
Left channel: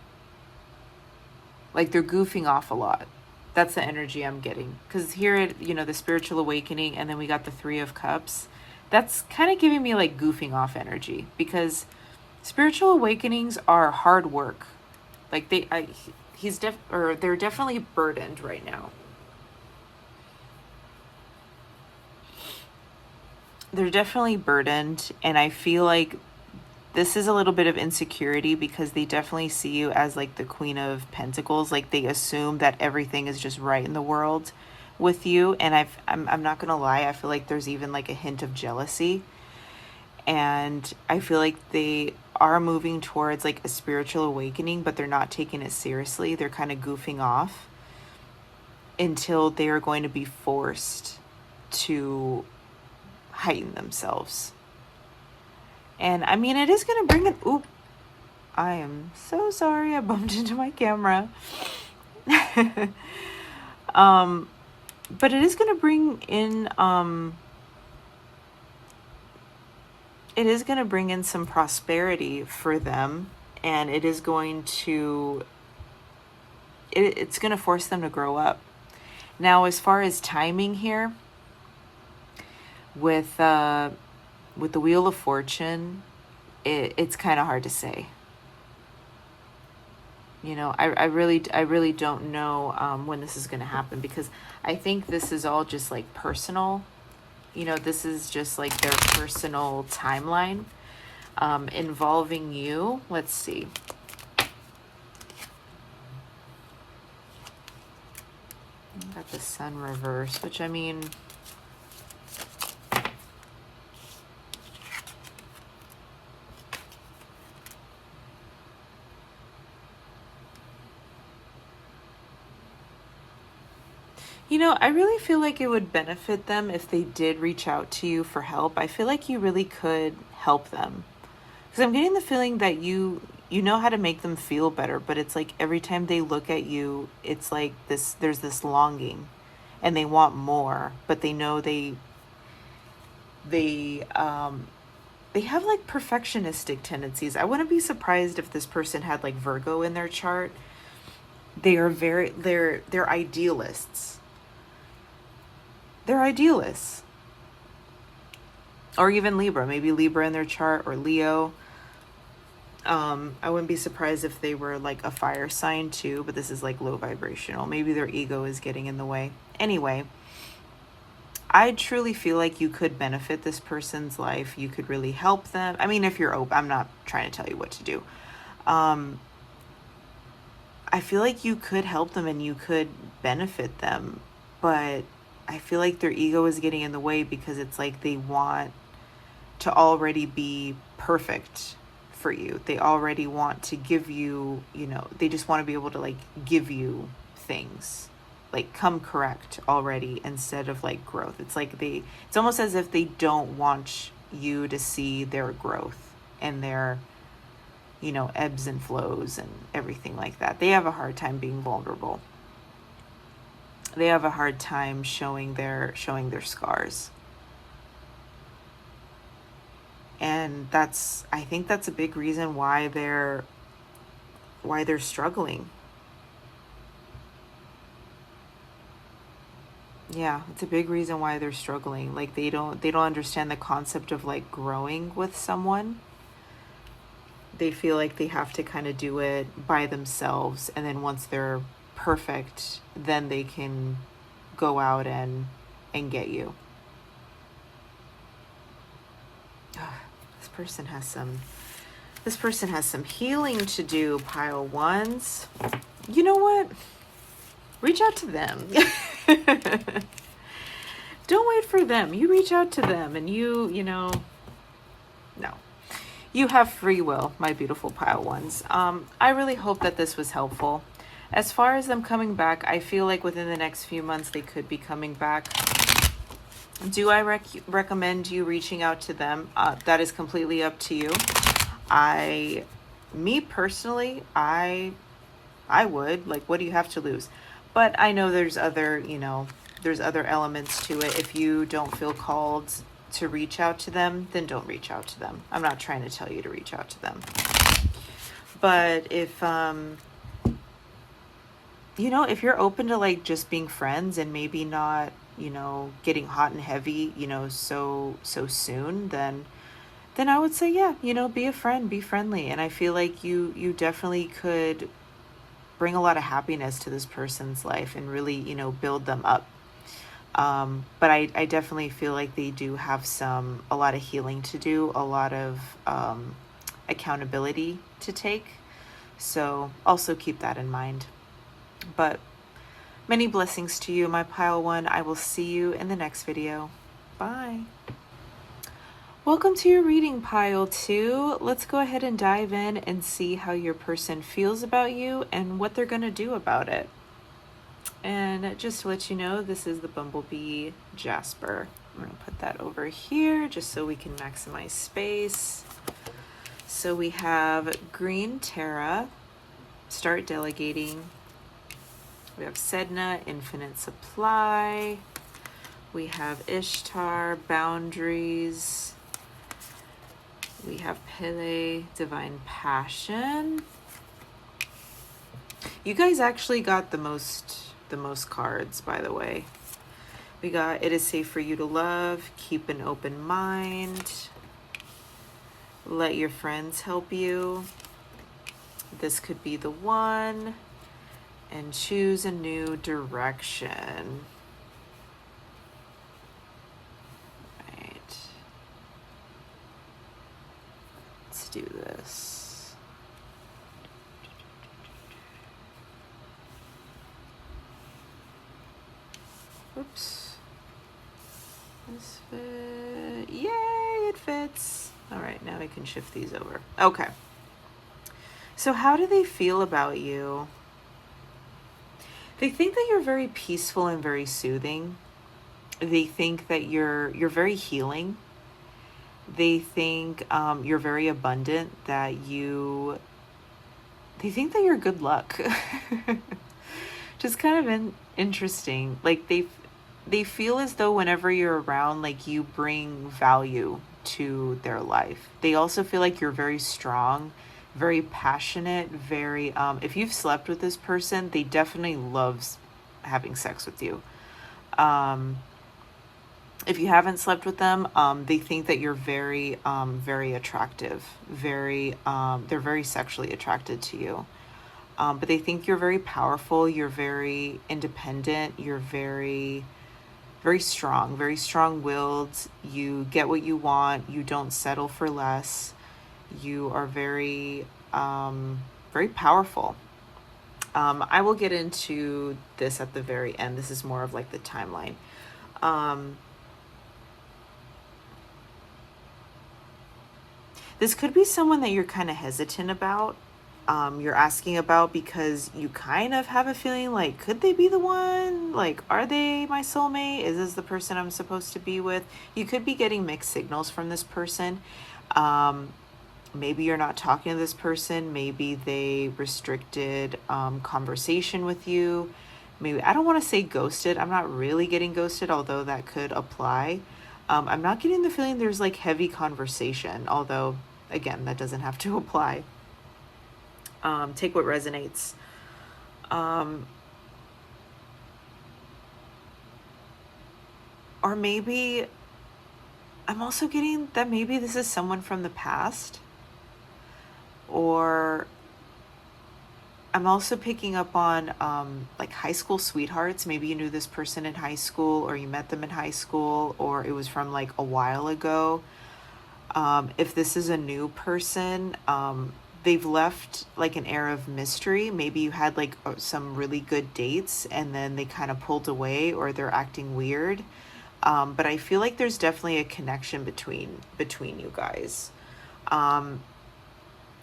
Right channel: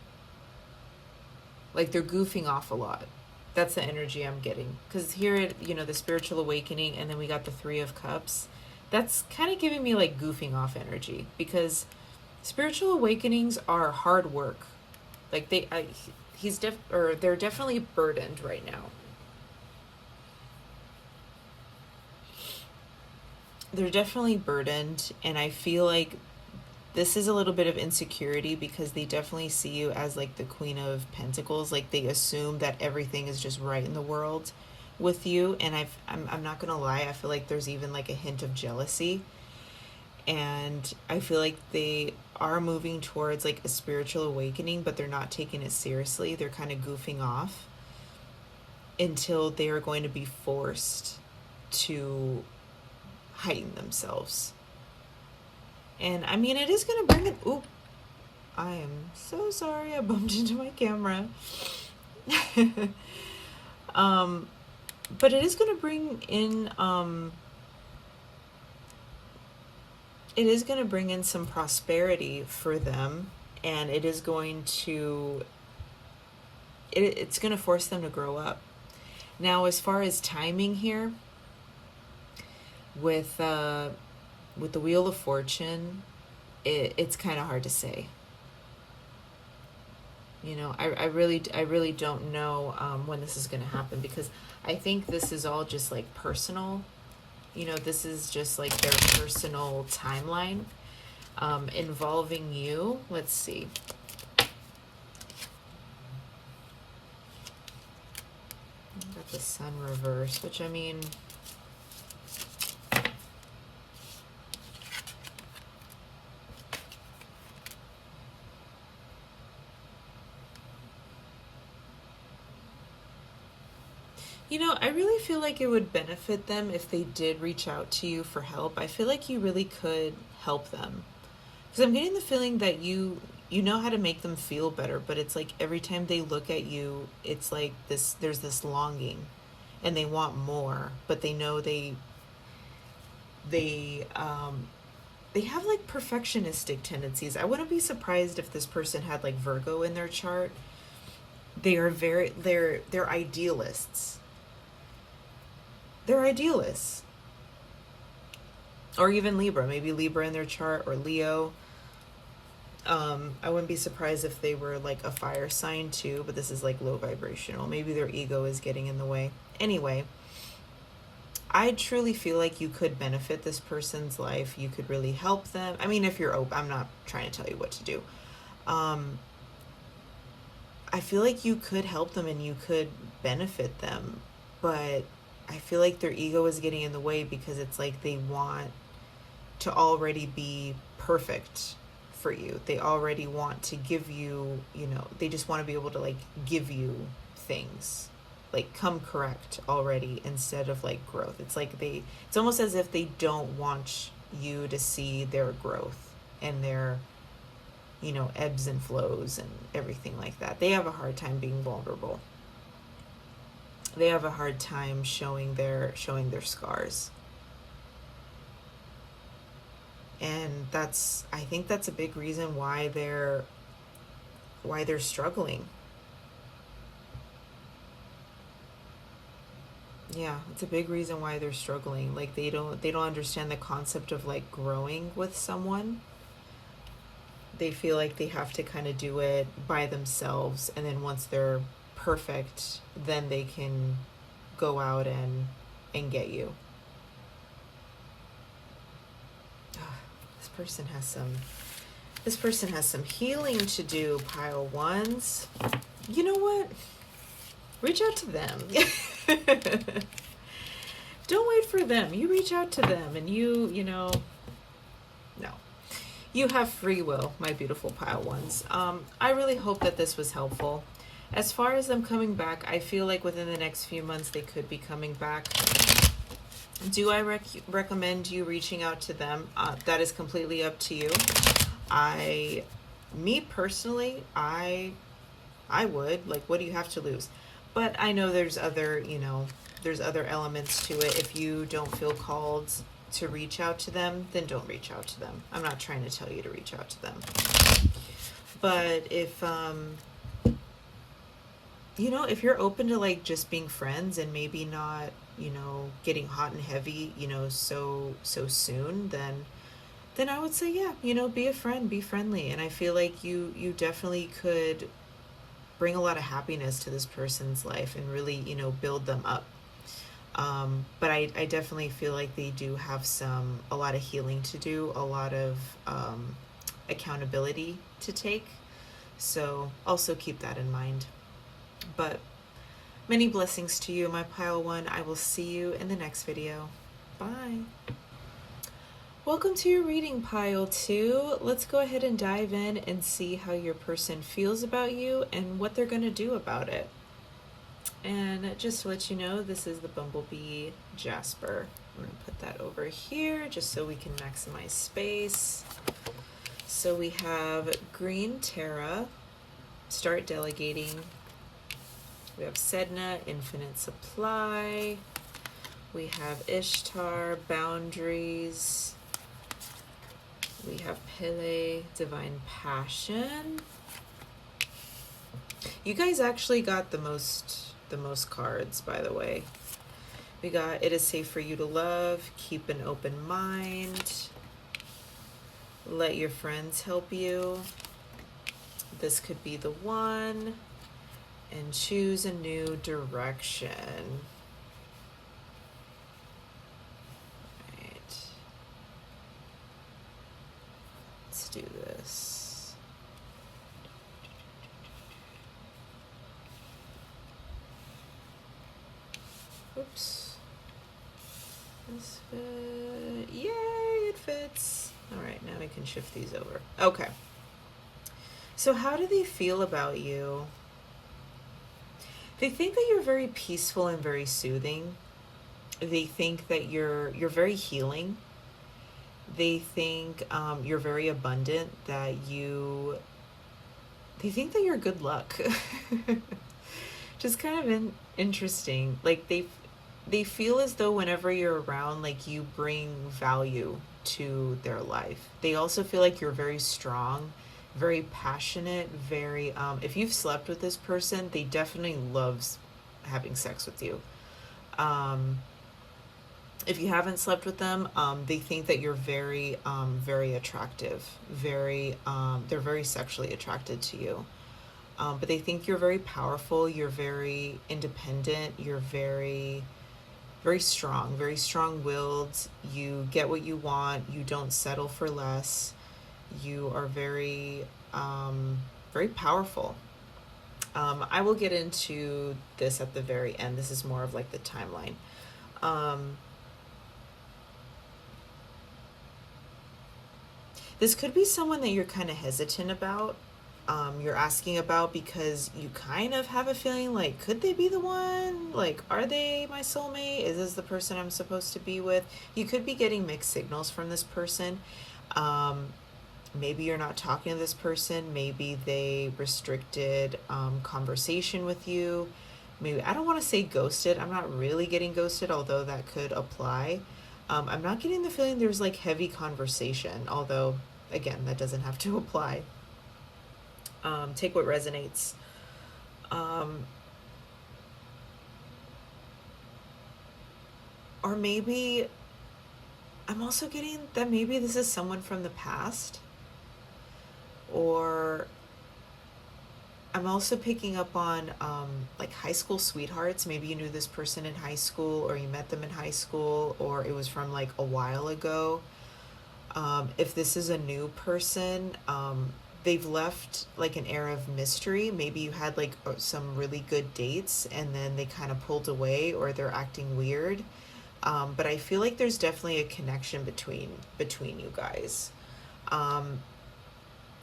Like they're goofing off a lot. That's the energy I'm getting. Because here, the spiritual awakening, and then we got the 3 of Cups. That's kind of giving me like goofing off energy, because spiritual awakenings are hard work. Like they're definitely burdened right now. They're definitely burdened, and I feel like this is a little bit of insecurity because they definitely see you as like the Queen of Pentacles. Like they assume that everything is just right in the world with you. And I'm not gonna lie, I feel like there's even like a hint of jealousy. And I feel like they are moving towards like a spiritual awakening, but they're not taking it seriously. They're kind of goofing off until they are going to be forced to heighten themselves. And I mean, it is going to bring it. Oop. I am so sorry. I bumped into my camera. But it is going to bring in, it is going to bring in some prosperity for them And it is going to, it's going to force them to grow up. Now, as far as timing here, with the Wheel of Fortune, it's kind of hard to say. You know, I really don't know when this is going to happen, because I think this is all just like personal. You know, this is just like their personal timeline involving you. Let's see. Got the Sun reverse, which, I mean, you know, I really feel like it would benefit them if they did reach out to you for help. I feel like you really could help them, because I'm getting the feeling that you know how to make them feel better, but it's like every time they look at you, it's like this, there's this longing and they want more, but they know they have like perfectionistic tendencies. I wouldn't be surprised if this person had like Virgo in their chart. They're idealists. They're idealists. Or even Libra, maybe Libra in their chart, or Leo. I wouldn't be surprised if they were like a fire sign too, but this is like low vibrational. Maybe their ego is getting in the way. Anyway, I truly feel like you could benefit this person's life. You could really help them. I mean, if you're open, I'm not trying to tell you what to do. I feel like you could help them and you could benefit them, but I feel like their ego is getting in the way, because it's like they want to already be perfect for you. They already want to give you, you know, they just want to be able to like give you things, like come correct already, instead of like growth. It's like it's almost as if they don't want you to see their growth and their, you know, ebbs and flows and everything like that. They have a hard time being vulnerable. They have a hard time showing their scars. And I think that's a big reason why they're struggling. Yeah, it's a big reason why they're struggling. Like they don't understand the concept of like growing with someone. They feel like they have to kind of do it by themselves, and then once they're perfect, then they can go out and get you. This person has some healing to do, pile ones. You know what? Reach out to them. Don't wait for them. You reach out to them, and you know, no. You have free will, my beautiful pile ones. I really hope that this was helpful. As far as them coming back, I feel like within the next few months they could be coming back. Do I recommend you reaching out to them? That is completely up to you. Me personally, I would. Like, what do you have to lose? But I know there's other elements to it. If you don't feel called to reach out to them, then don't reach out to them. I'm not trying to tell you to reach out to them. But if you know, if you're open to like just being friends and maybe not, you know, getting hot and heavy, you know, so soon, then I would say, yeah, you know, be a friend, be friendly. And I feel like you definitely could bring a lot of happiness to this person's life and really, you know, build them up. But I definitely feel like they do have a lot of healing to do, a lot of accountability to take. So also keep that in mind. But many blessings to you, my pile one. I will see you in the next video. Bye. Welcome to your reading, pile two. Let's go ahead and dive in and see how your person feels about you and what they're going to do about it. And just to let you know, this is the Bumblebee Jasper. I'm going to put that over here just so we can maximize space. So we have Green Terra, Start Delegating. We have Sedna, Infinite Supply. We have Ishtar, Boundaries. We have Pele, Divine Passion. You guys actually got the most cards, by the way. We got It Is Safe for You to Love, Keep an Open Mind, Let Your Friends Help You, This Could Be the One, and Choose a New Direction. Right. Let's do this. Oops. This fit. Yay, it fits. All right, now I can shift these over. Okay. So how do they feel about you? They think that you're very peaceful and very soothing. They think that you're very healing. They think you're very abundant, they think that you're good luck. Just kind of interesting. Like they feel as though whenever you're around, like you bring value to their life. They also feel like you're very strong, very passionate, very if you've slept with this person, they definitely loves having sex with you. If you haven't slept with them, they think that you're very very attractive, they're very sexually attracted to you. But they think you're very powerful, you're very independent, you're very strong-willed, you get what you want, you don't settle for less, you are very powerful. I will get into this at the very end. This is more of like the timeline. This could be someone that you're kind of hesitant about. You're asking about because you kind of have a feeling like, could they be the one? Like, are they my soulmate? Is this the person I'm supposed to be with? You could be getting mixed signals from this person. Maybe you're not talking to this person. Maybe they restricted conversation with you. Maybe, I don't want to say ghosted. I'm not really getting ghosted, although that could apply. I'm not getting the feeling there's like heavy conversation, although, again, that doesn't have to apply. Take what resonates. Or maybe I'm also getting that maybe this is someone from the past, or I'm also picking up on like high school sweethearts. Maybe you knew this person in high school, or you met them in high school, or it was from like a while ago. If this is a new person, they've left like an air of mystery. Maybe you had like some really good dates and then they kind of pulled away, or they're acting weird. But I feel like there's definitely a connection between you guys.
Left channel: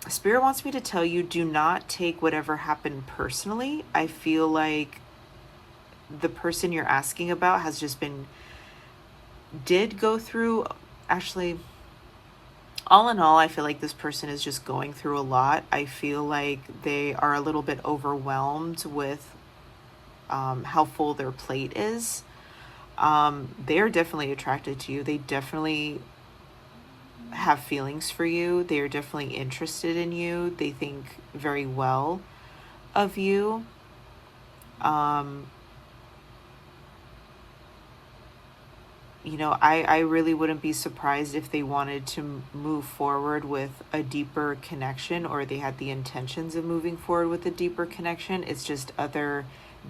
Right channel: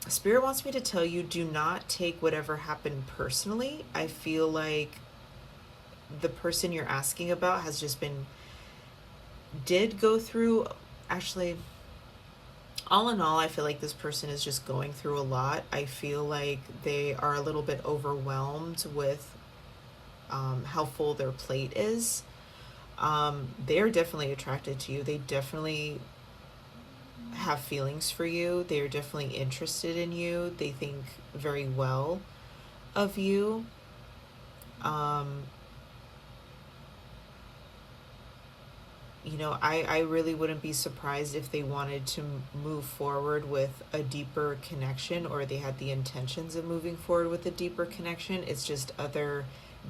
Spirit wants me to tell you, do not take whatever happened personally. I feel like the person you're asking about has just did go through, actually, all in all, I feel like this person is just going through a lot. I feel like they are a little bit overwhelmed with how full their plate is. They're definitely attracted to you. They definitely have feelings for you. They are definitely interested in you. They think very well of you. You know, I really wouldn't be surprised if they wanted to move forward with a deeper connection, or they had the intentions of moving forward with a deeper connection. It's just other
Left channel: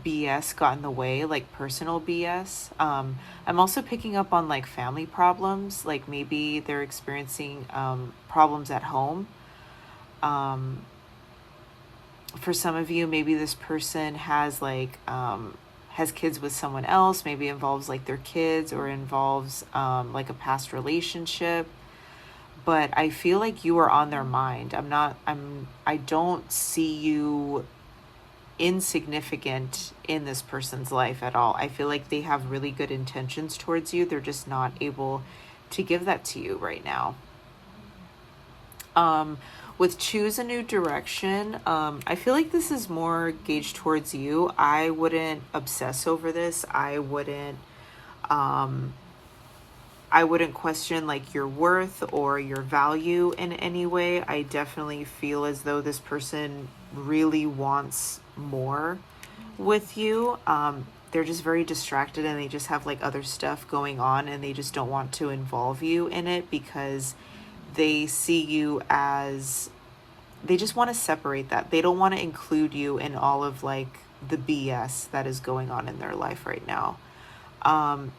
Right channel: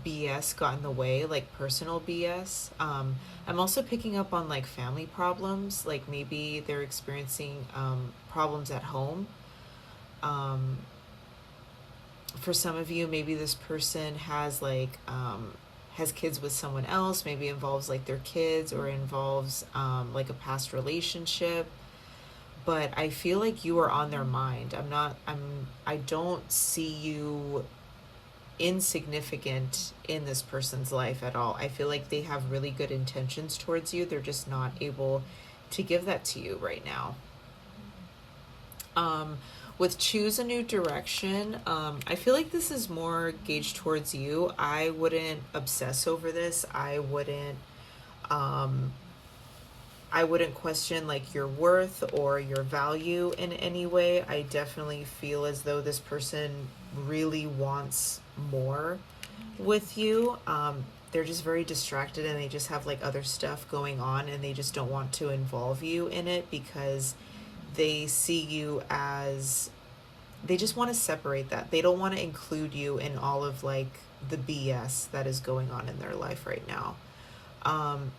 BS got in the way, like personal BS. I'm also picking up on like family problems, like maybe they're experiencing problems at home. For some of you, maybe this person has like has kids with someone else. Maybe it involves like their kids, or involves like a past relationship. But I feel like you are on their mind. I don't see you insignificant in this person's life at all. I feel like they have really good intentions towards you. They're just not able to give that to you right now. With choose a new direction, I feel like this is more gauged towards you. I wouldn't obsess over this. I wouldn't I wouldn't question like your worth or your value in any way. I definitely feel as though this person really wants more with you. They're just very distracted and they just have like other stuff going on and they just don't want to involve you in it because they see you as, they just want to separate that. They don't want to include you in all of like the BS that is going on in their life right now.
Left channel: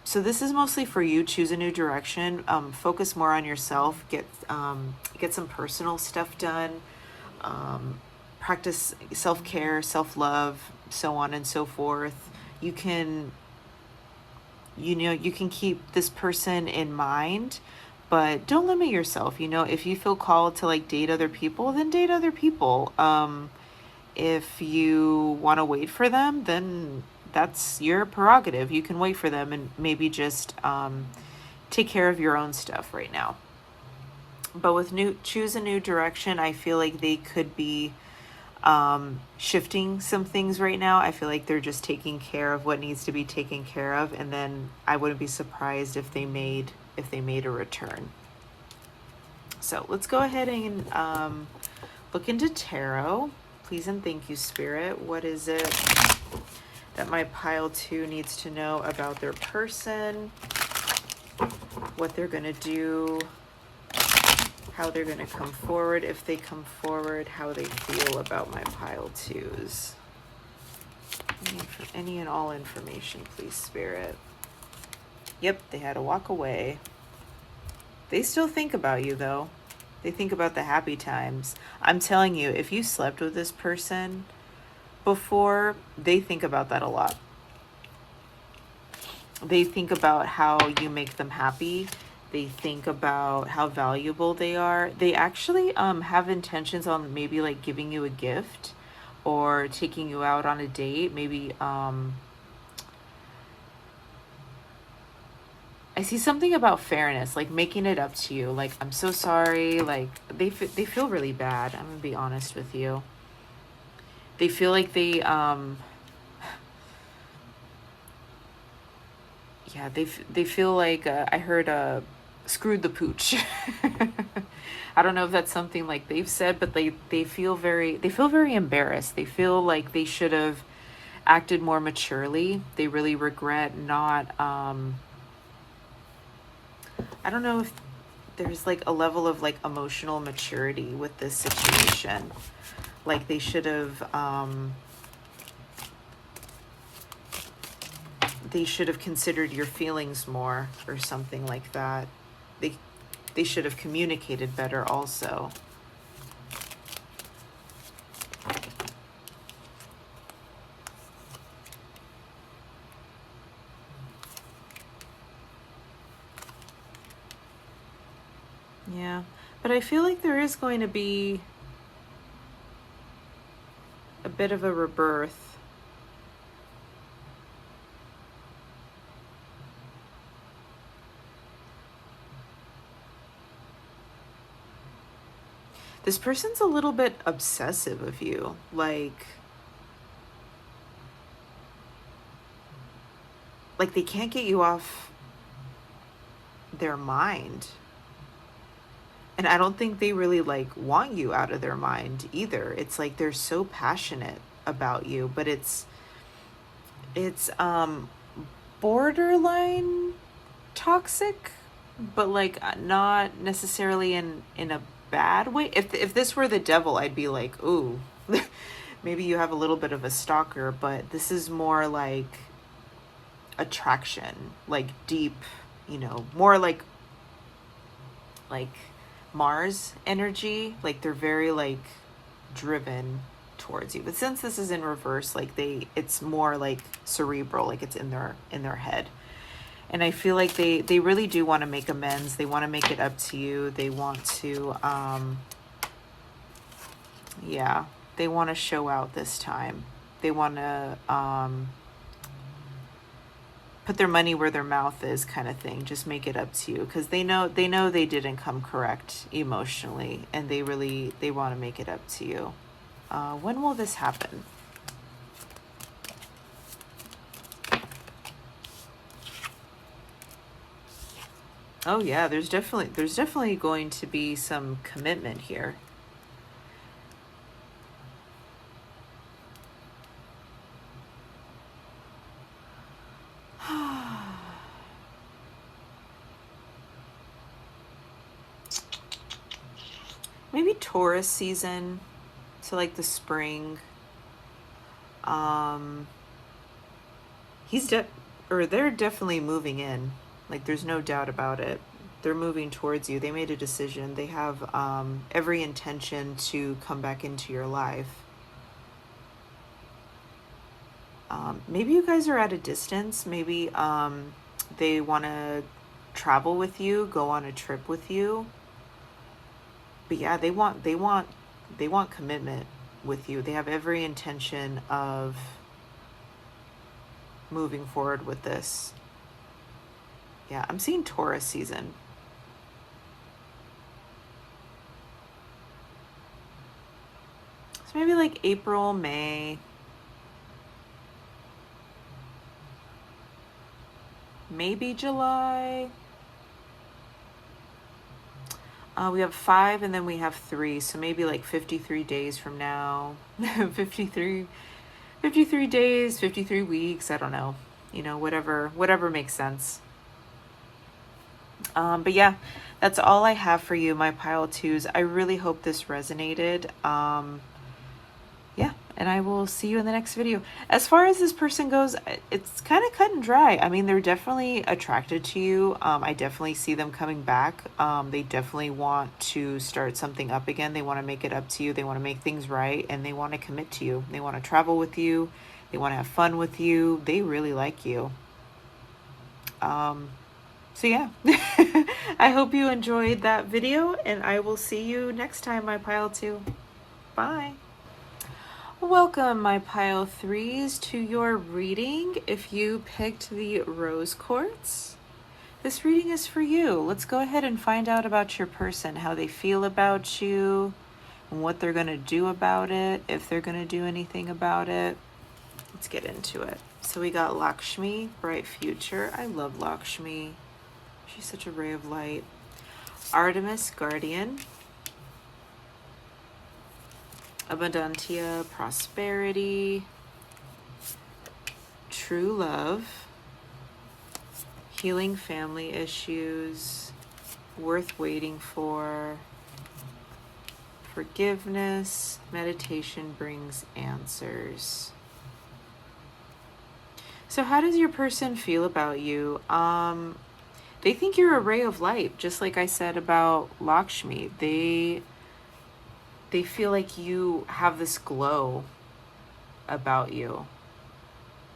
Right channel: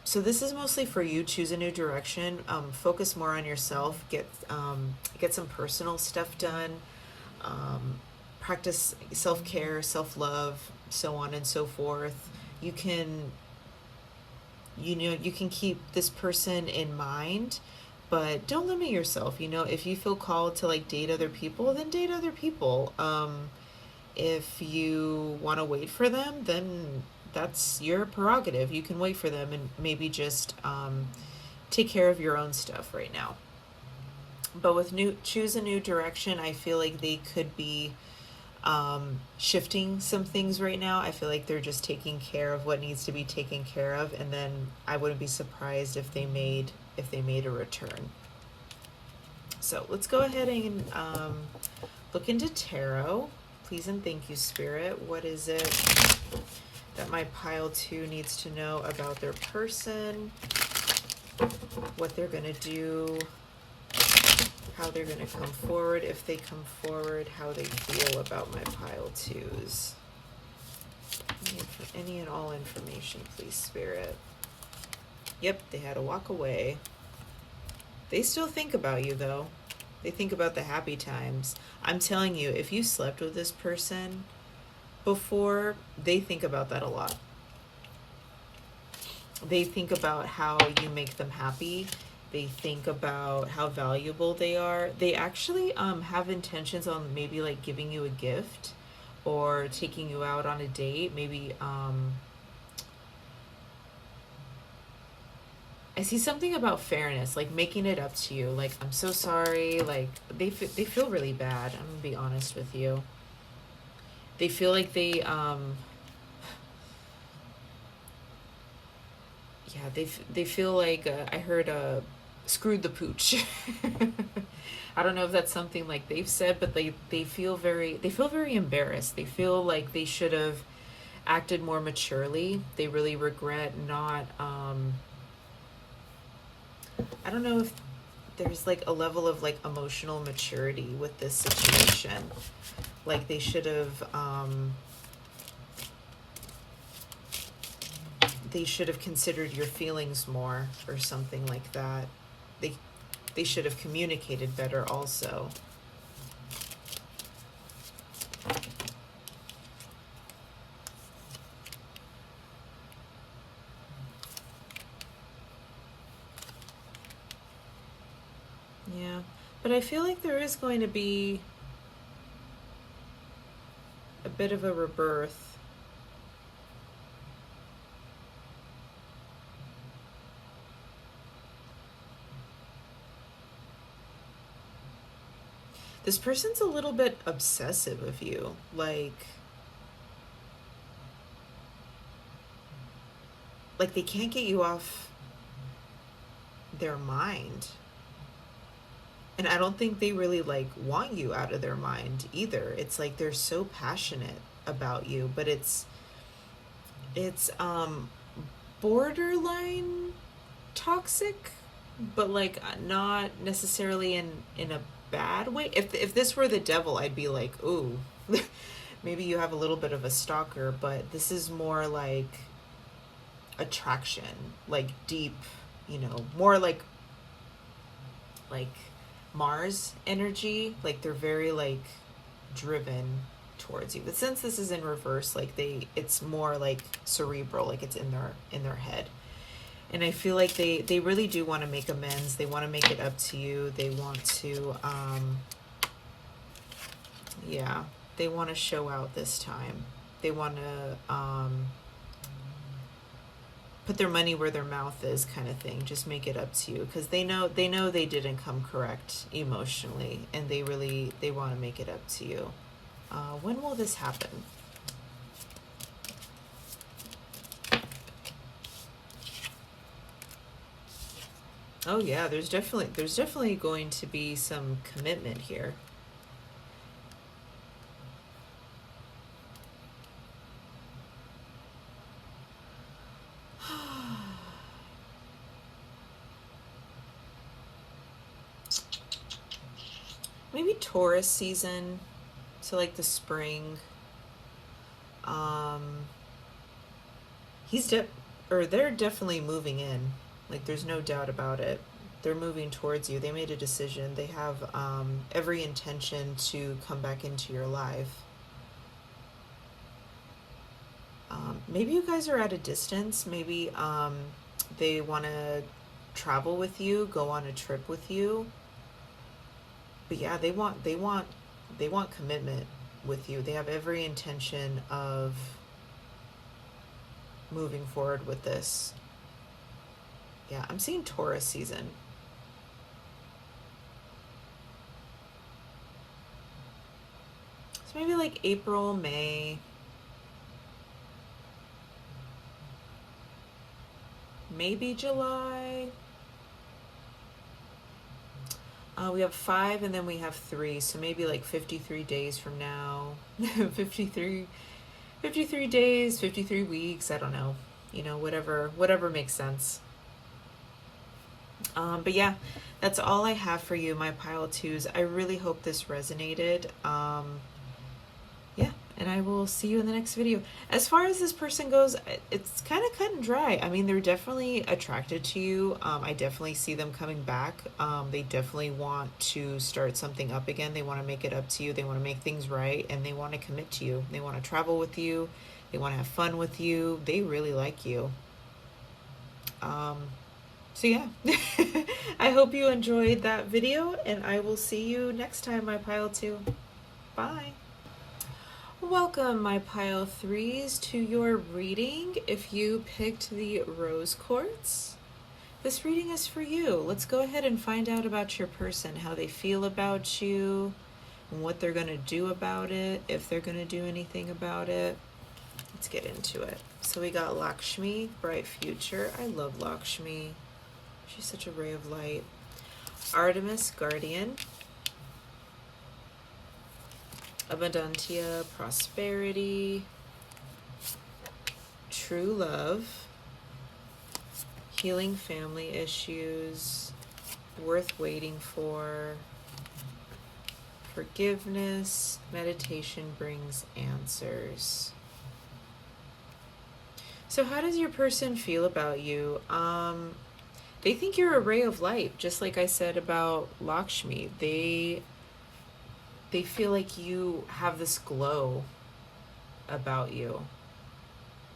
So this is mostly for you. Choose a new direction. Focus more on yourself. Get some personal stuff done. Practice self-care, self-love, so on and so forth. You can keep this person in mind, but don't limit yourself. If you feel called to like date other people, then date other people. If you want to wait for them, then that's your prerogative. You can wait for them and maybe just take care of your own stuff right now. But with choose a new direction, I feel like they could be shifting some things right now. I feel like they're just taking care of what needs to be taken care of, and then I wouldn't be surprised if they made a return. So let's go ahead and look into tarot. Please and thank you, Spirit. What is it that my pile 2 needs to know about their person? What they're going to do, how they're going to come forward, if they come forward, how they feel about my pile 2s. Any and all information, please, Spirit. Yep, they had to walk away. They still think about you, though. They think about the happy times. I'm telling you, if you slept with this person before, they think about that a lot. They think about how you make them happy. They think about how valuable they are. They actually have intentions on maybe like giving you a gift or taking you out on a date. Maybe I see something about fairness, like making it up to you. Like, I'm so sorry. Like, they feel really bad. I'm gonna be honest with you. They feel like they, they feel like, I heard, screwed the pooch. I don't know if that's something like they've said, but they feel very embarrassed. They feel like they should have acted more maturely. They really regret not, I don't know if there's like a level of like emotional maturity with this situation. Like they should have considered your feelings more or something like that. They should have communicated better also. Yeah, but I feel like there is going to be a bit of a rebirth. This person's a little bit obsessive of you, like they can't get you off their mind. And I don't think they really like want you out of their mind either. It's like they're so passionate about you, but it's borderline toxic, but like not necessarily in a bad way. If this were the devil, I'd be like, ooh, maybe you have a little bit of a stalker, but this is more like attraction, like deep, more like Mars energy. Like they're very like driven towards you. But since this is in reverse, like it's more like cerebral, like it's in their head. And I feel like they really do want to make amends. They want to make it up to you. They want to they want to show out this time. They want to put their money where their mouth is, kind of thing. Just make it up to you, because they know they didn't come correct emotionally, and they want to make it up to you. When will this happen? Oh yeah, there's definitely going to be some commitment here. Maybe Taurus season, so like the spring. Um, they're definitely moving in. Like there's no doubt about it. They're moving towards you. They made a decision. They have every intention to come back into your life. Maybe you guys are at a distance. Maybe they want to travel with you, go on a trip with you. But yeah, they want commitment with you. They have every intention of moving forward with this. Yeah, I'm seeing Taurus season. So maybe like April, May. Maybe July. We have 5 and then we have 3. So maybe like 53 days from now. 53 days, 53 weeks. I don't know. Whatever makes sense. But yeah, that's all I have for you, my pile twos. I really hope this resonated. Yeah, and I will see you in the next video. As far as this person goes, it's kind of cut and dry. I mean, they're definitely attracted to you. I definitely see them coming back. They definitely want to start something up again. They want to make it up to you. They want to make things right, and they want to commit to you. They want to travel with you. They want to have fun with you. They really like you. So yeah, I hope you enjoyed that video, and I will see you next time, my pile two. Bye. Welcome, my pile threes, to your reading. If you picked the rose quartz, this reading is for you. Let's go ahead and find out about your person, how they feel about you, and what they're going to do about it, if they're going to do anything about it. Let's get into it. So we got Lakshmi, bright future. I love Lakshmi. She's such a ray of light. Artemis, guardian. Abundantia, prosperity. True love. Healing family issues. Worth waiting for. Forgiveness. Meditation brings answers. So how does your person feel about you? They think you're a ray of light, just like I said about Lakshmi. They feel like you have this glow about you.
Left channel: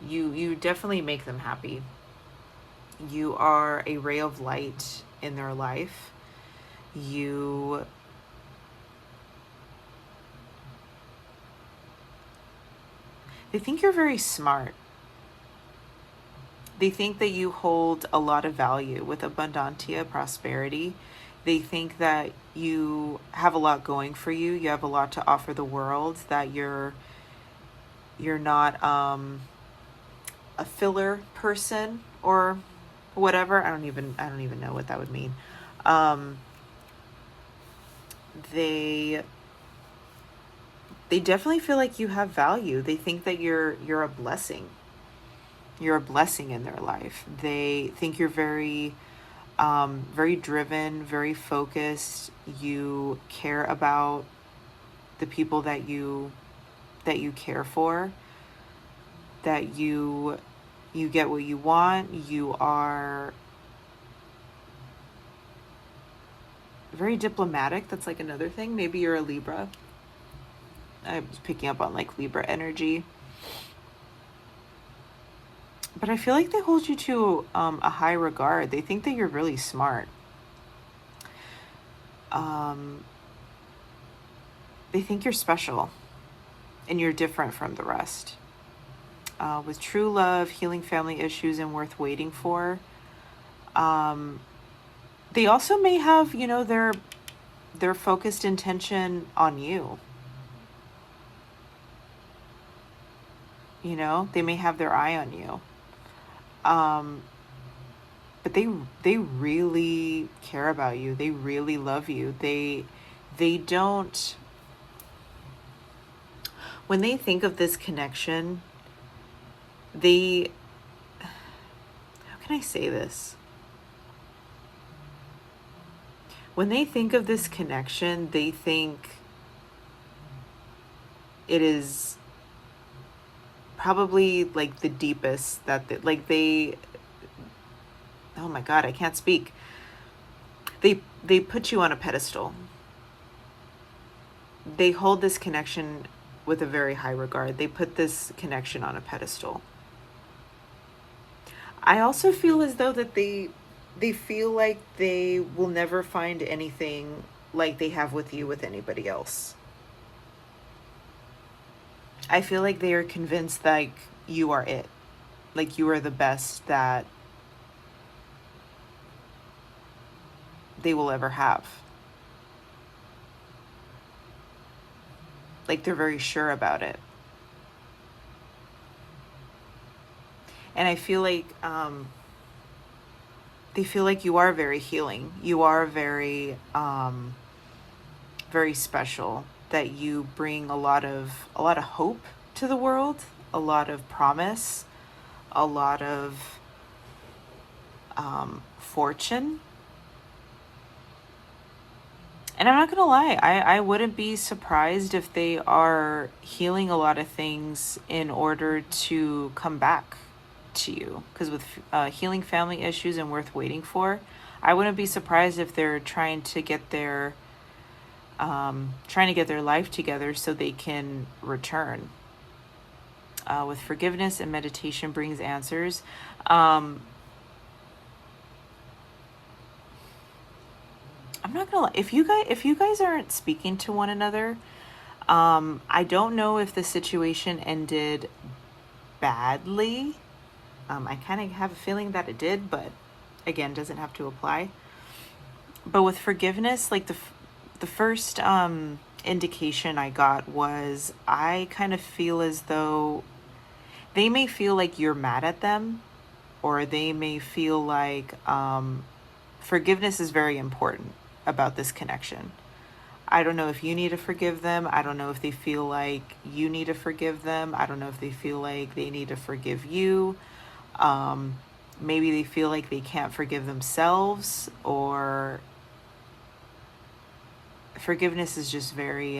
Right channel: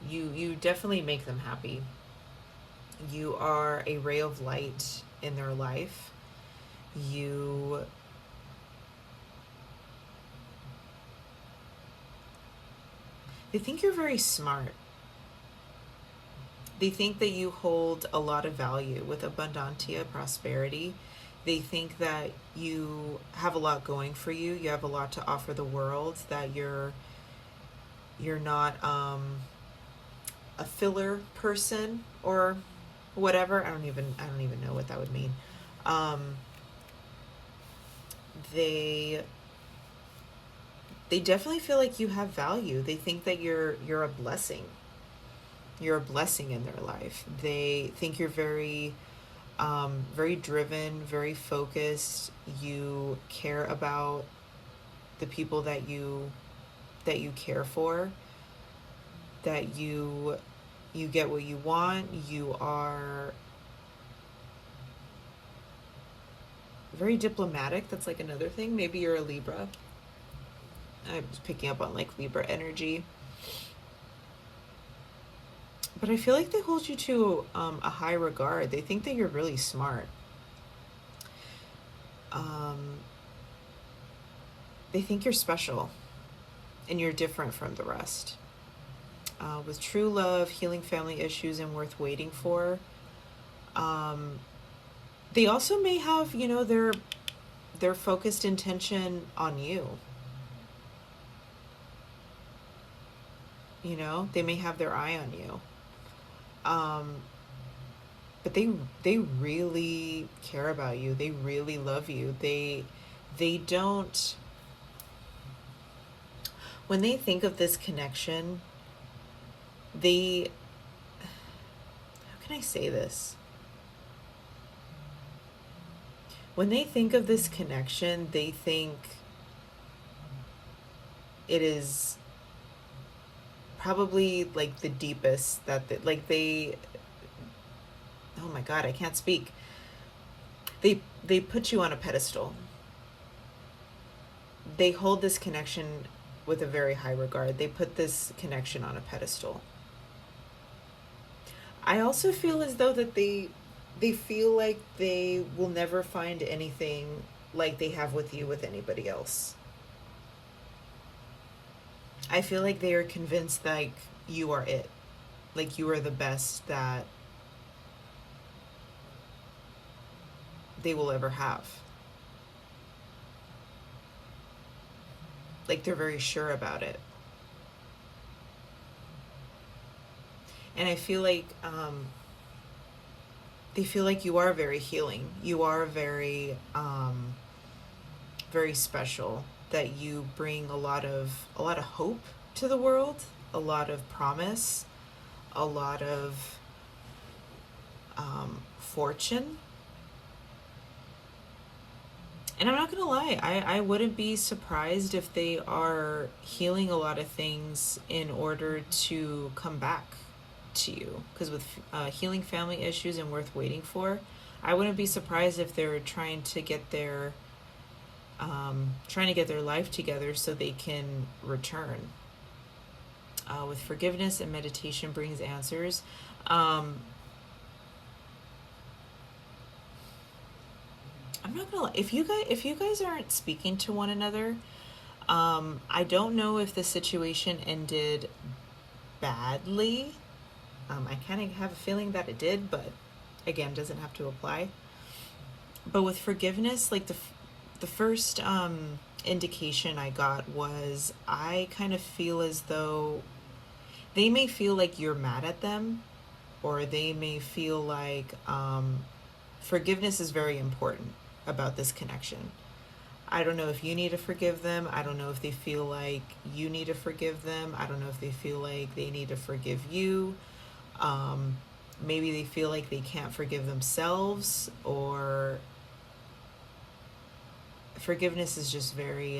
You definitely make them happy. You are a ray of light in their life. They think you're very smart. They think that you hold a lot of value with abundantia, prosperity. They think that you have a lot going for you. You have a lot to offer the world, that you're not a filler person or whatever. I don't even know what that would mean. They definitely feel like you have value. They think that you're a blessing. You're a blessing in their life. They think you're very driven, very focused. You care about the people that you care for, that you get what you want. You are very diplomatic. That's like another thing. Maybe you're a Libra. I was picking up on like Libra energy. But I feel like they hold you to a high regard. They think that you're really smart. They think you're special and you're different from the rest. With true love, healing family issues, and worth waiting for. They also may have, their focused intention on you. They may have their eye on you. but they really care about you. They really love you. They don't, when they think of this connection, how can I say this? When they think of this connection, they think it is probably like the deepest that oh my God, I can't speak. They put you on a pedestal. They hold this connection with a very high regard. They put this connection on a pedestal. I also feel as though that they feel like they will never find anything like they have with you with anybody else. I feel like they are convinced like you are it. Like you are the best that they will ever have. Like they're very sure about it. And I feel like they feel like you are very healing. You are very, very special. That you bring a lot of hope to the world, a lot of promise, a lot of fortune. And I'm not gonna lie, I wouldn't be surprised if they are healing a lot of things in order to come back to you. Because with healing family issues and worth waiting for, I wouldn't be surprised if they're trying to get their life together so they can return. With forgiveness and meditation brings answers. I'm not gonna lie, if you guys aren't speaking to one another, I don't know if the situation ended badly. I kind of have a feeling that it did, but again, doesn't have to apply. But with forgiveness, like the first indication I got was I kind of feel as though they may feel like you're mad at them, or they may feel like forgiveness is very important about this connection. I don't know if you need to forgive them. I don't know if they feel like you need to forgive them. I don't know if they feel like they need to forgive you. Maybe they feel like they can't forgive themselves, or forgiveness is just very,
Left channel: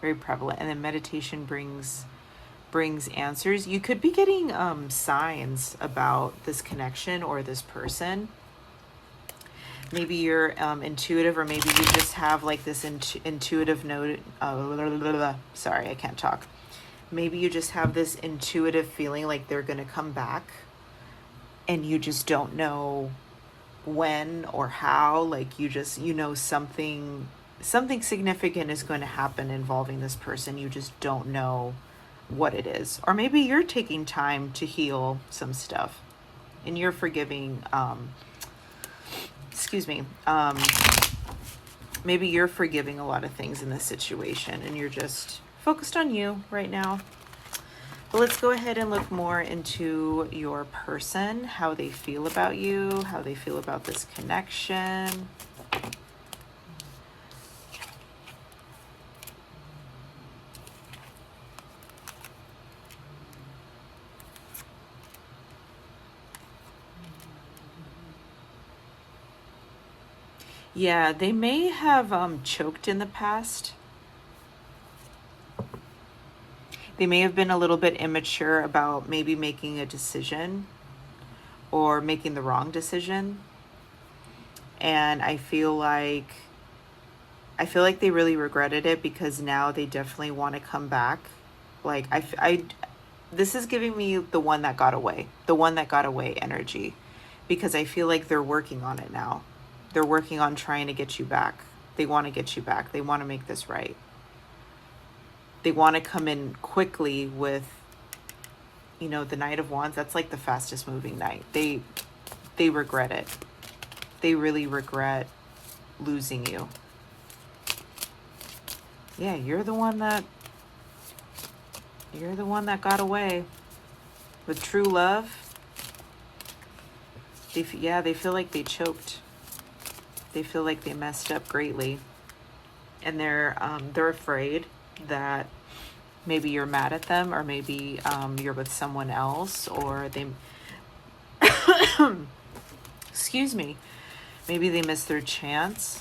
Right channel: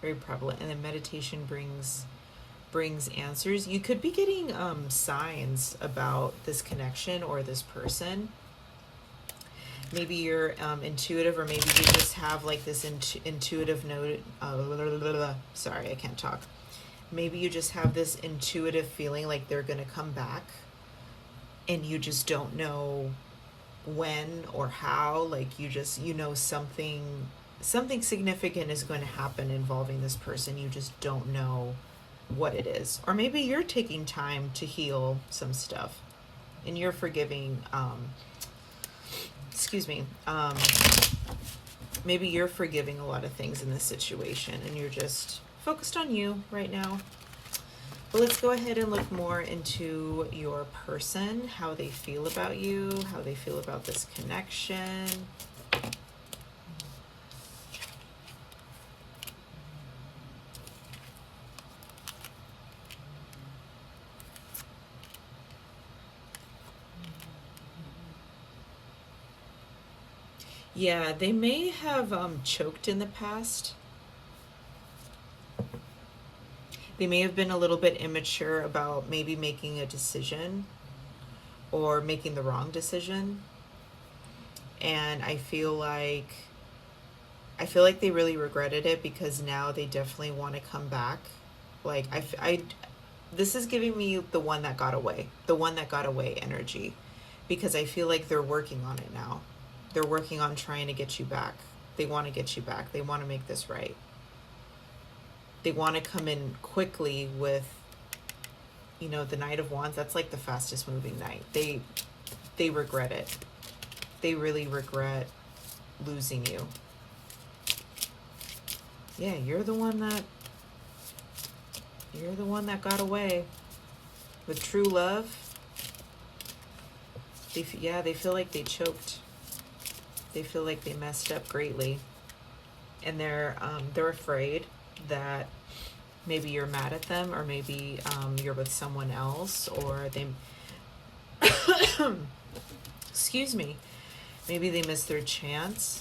very prevalent. And then meditation brings answers. You could be getting signs about this connection or this person. Maybe you're intuitive, or maybe you just have like this intuitive note. Sorry, I can't talk. Maybe you just have this intuitive feeling like they're going to come back, and you just don't know when or how. Like you know something significant is going to happen involving this person. You just don't know what it is. Or maybe you're taking time to heal some stuff and you're forgiving, maybe you're forgiving a lot of things in this situation and you're just focused on you right now. But let's go ahead and look more into your person, how they feel about you, how they feel about this connection. Yeah, they may have choked in the past. They may have been a little bit immature about maybe making a decision or making the wrong decision. And I feel like they really regretted it, because now they definitely want to come back. Like this is giving me the one that got away energy, because I feel like they're working on it now. They're working on trying to get you back. They want to get you back. They want to make this right. They want to come in quickly with, the Knight of Wands. That's like the fastest moving knight. They regret it. They really regret losing you. Yeah, you're the one that got away with true love. They feel like they choked. They feel like they messed up greatly. And they're afraid that maybe you're mad at them, or maybe you're with someone else, or they, excuse me, maybe they missed their chance,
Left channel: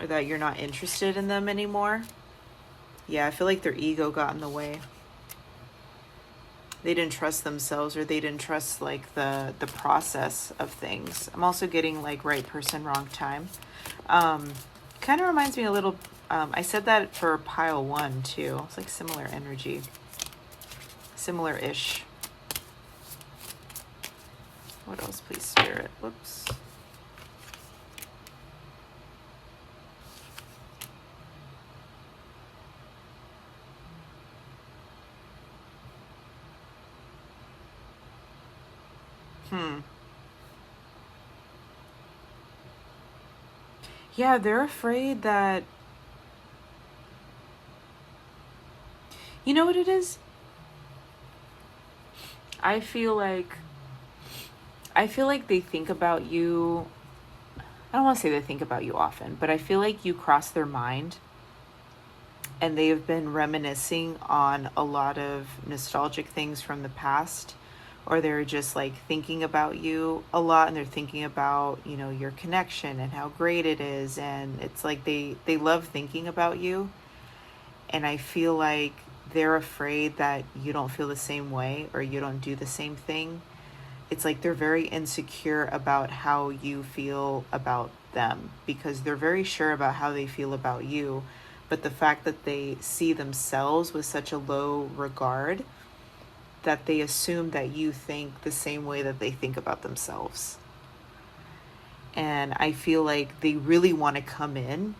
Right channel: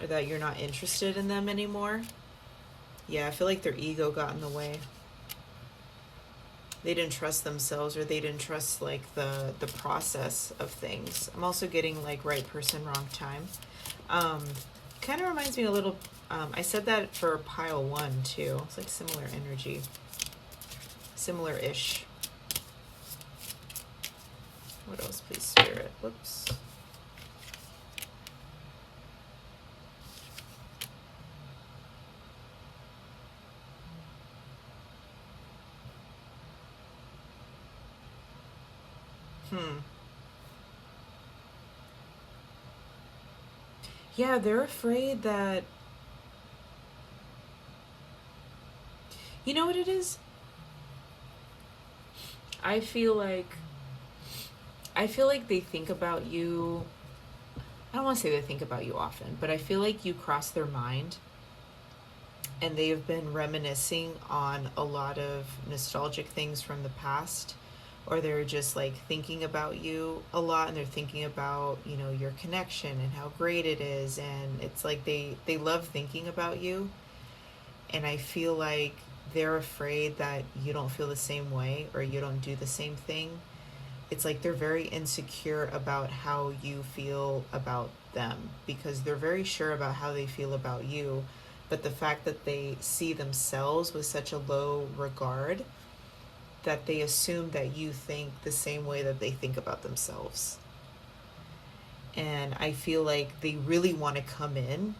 or that you're not interested in them anymore. Yeah, I feel like their ego got in the way. They didn't trust themselves, or they didn't trust like the process of things. I'm also getting like right person, wrong time. Kind of reminds me a little, I said that for pile 1 too. It's like similar energy, similar-ish. What else, please, Spirit? Whoops. Yeah, they're afraid that, you know what it is? I feel like they think about you. I don't want to say they think about you often, but I feel like you cross their mind, and they have been reminiscing on a lot of nostalgic things from the past, or they're just like thinking about you a lot, and they're thinking about, you know, your connection and how great it is, and it's like they love thinking about you. And I feel like they're afraid that you don't feel the same way, or you don't do the same thing. It's like they're very insecure about how you feel about them, because they're very sure about how they feel about you, but the fact that they see themselves with such a low regard, that they assume that you think the same way that they think about themselves. And I feel like they really want to come in.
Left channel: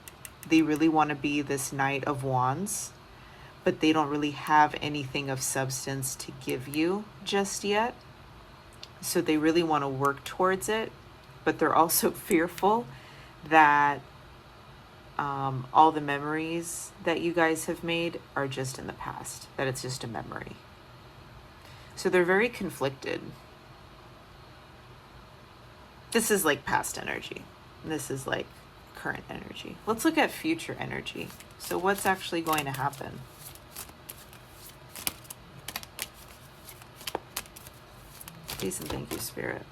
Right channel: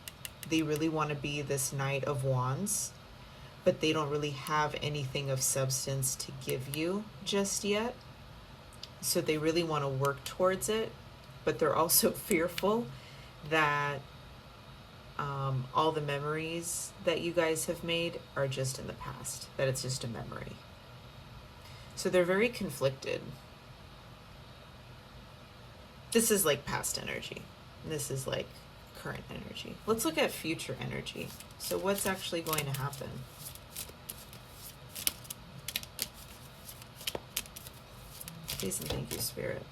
They really want to be this Knight of Wands, but they don't really have anything of substance to give you just yet. So they really want to work towards it, but they're also fearful that all the memories that you guys have made are just in the past, that it's just a memory. So they're very conflicted. This is like past energy. This is like current energy. Let's look at future energy. So what's actually going to happen? Please and thank you, Spirit.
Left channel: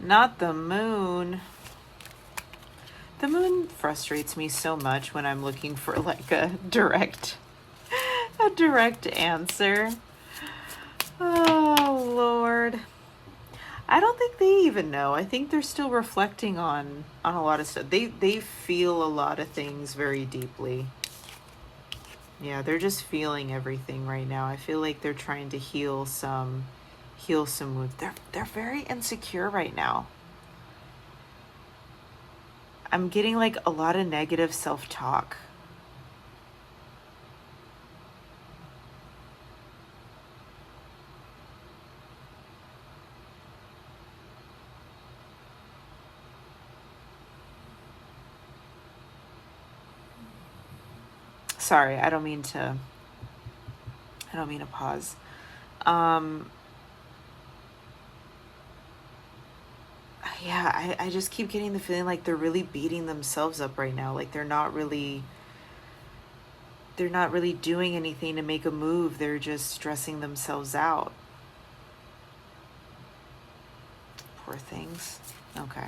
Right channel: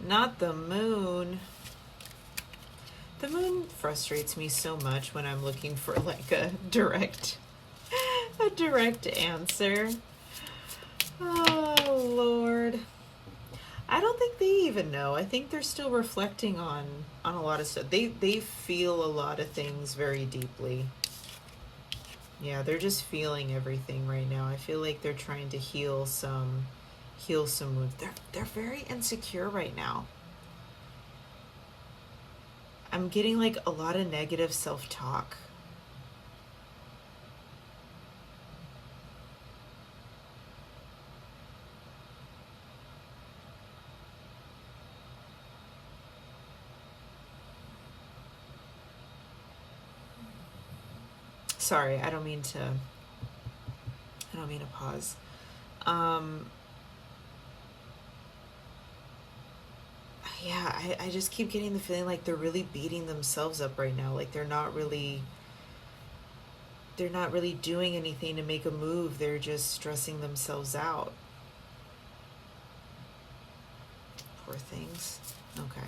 Not the moon. The moon frustrates me so much when I'm looking for like a direct answer. Oh, Lord. I don't think they even know. I think they're still reflecting on a lot of stuff. They feel a lot of things very deeply. Yeah, they're just feeling everything right now. I feel like they're trying to heal some wounds. They're very insecure right now. I'm getting like a lot of negative self-talk. Sorry, I don't mean to pause. Yeah, I just keep getting the feeling like they're really beating themselves up right now. Like they're not really doing anything to make a move. They're just stressing themselves out. Poor things. Okay.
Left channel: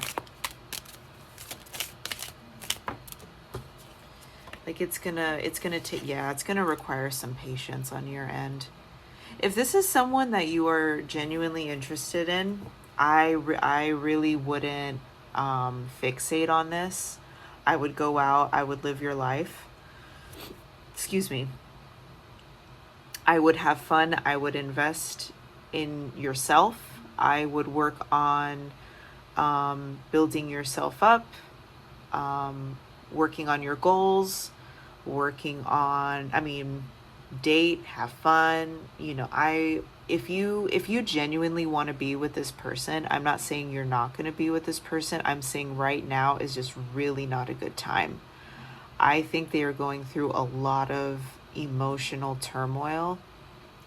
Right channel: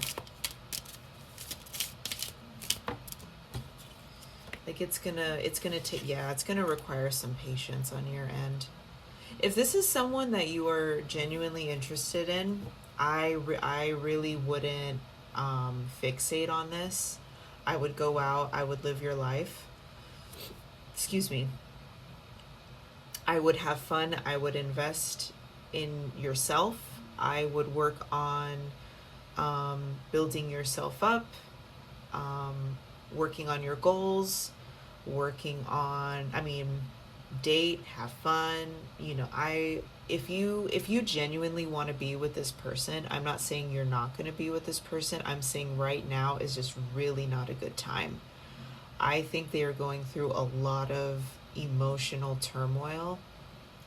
Like it's gonna require some patience on your end. If this is someone that you are genuinely interested in, I really wouldn't fixate on this. I would go out. I would live your life. Excuse me. I would have fun. I would invest in yourself. I would work on building yourself up, working on your goals, working on, date, have fun. if you genuinely want to be with this person, I'm not saying you're not going to be with this person. I'm saying right now is just really not a good time. I think they are going through a lot of emotional turmoil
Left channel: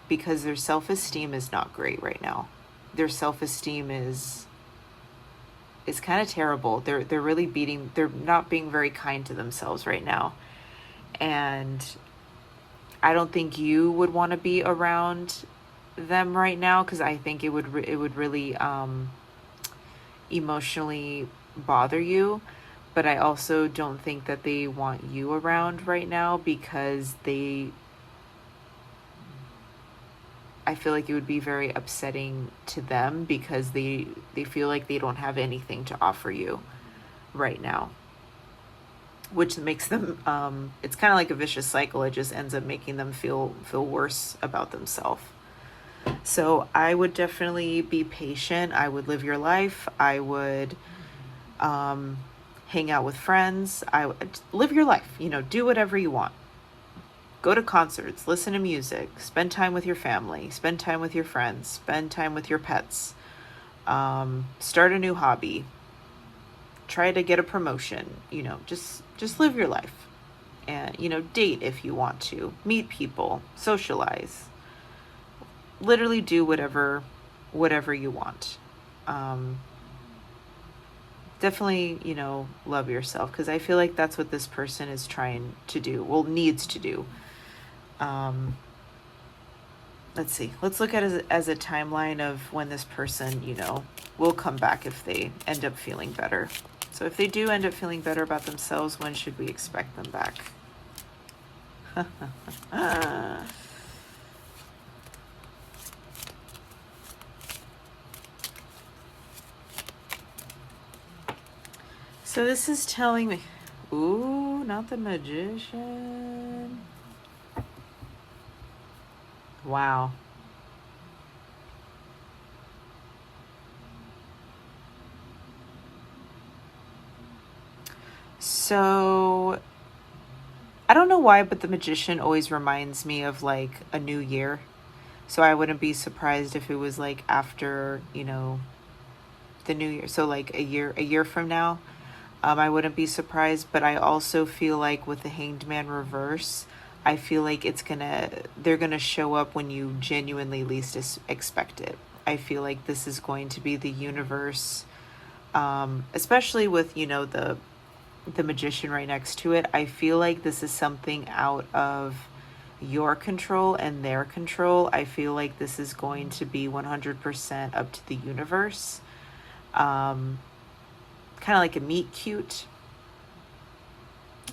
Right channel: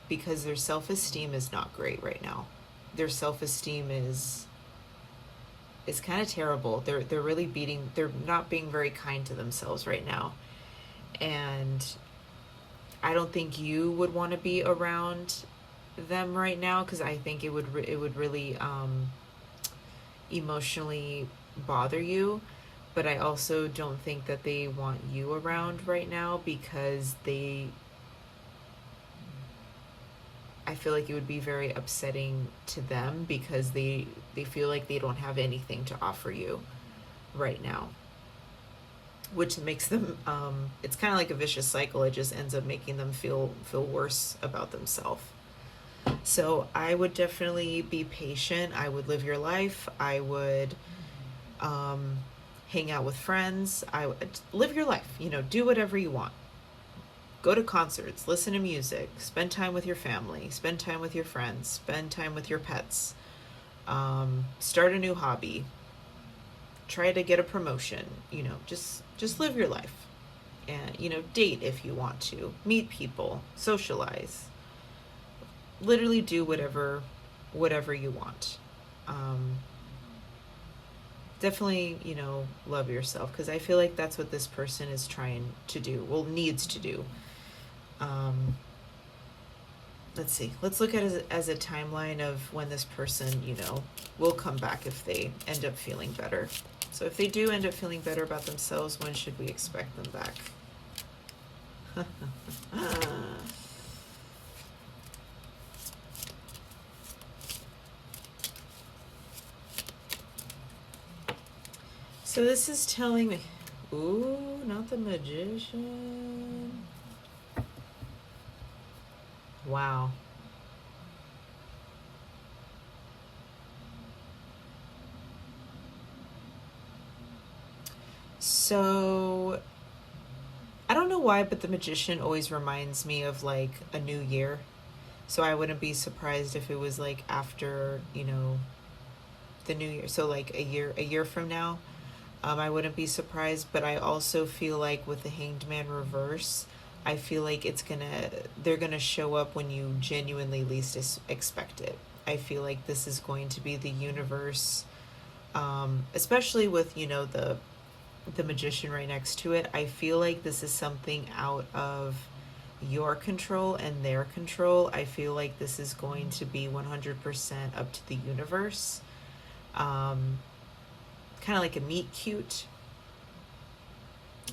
because their self-esteem is not great right now. Their self-esteem is kind of terrible. They're not being very kind to themselves right now. And I don't think you would want to be around them right now, because I think it would really emotionally bother you. But I also don't think that they want you around right now, because I feel like it would be very upsetting to them, because they feel like they don't have anything to offer you right now, which makes them it's kind of like a vicious cycle. It just ends up making them feel worse about themselves. So I would definitely be patient. I would live your life. I would hang out with friends. I would live your life, do whatever you want. Go to concerts, listen to music, spend time with your family, spend time with your friends, spend time with your pets, start a new hobby, try to get a promotion, just live your life. And, date if you want to, meet people, socialize, literally do whatever you want. Definitely, love yourself, because I feel like that's what this person is trying to do, needs to do. Let's see. Let's look at it as a timeline of when this person, will come back if they end up feeling better. So if they do end up feeling better about themselves, when should we expect them back? So this is telling me, ooh, not the Magician. Wow. So I don't know why, but the Magician always reminds me of like a new year. So I wouldn't be surprised if it was like after, the new year. So like a year from now. I wouldn't be surprised, but I also feel like with the Hanged Man reverse, I feel like they're gonna show up when you genuinely least expect it. I feel like this is going to be the universe, especially with, the Magician right next to it. I feel like this is something out of your control and their control. I feel like this is going to be 100% up to the universe. Kind of like a meet cute.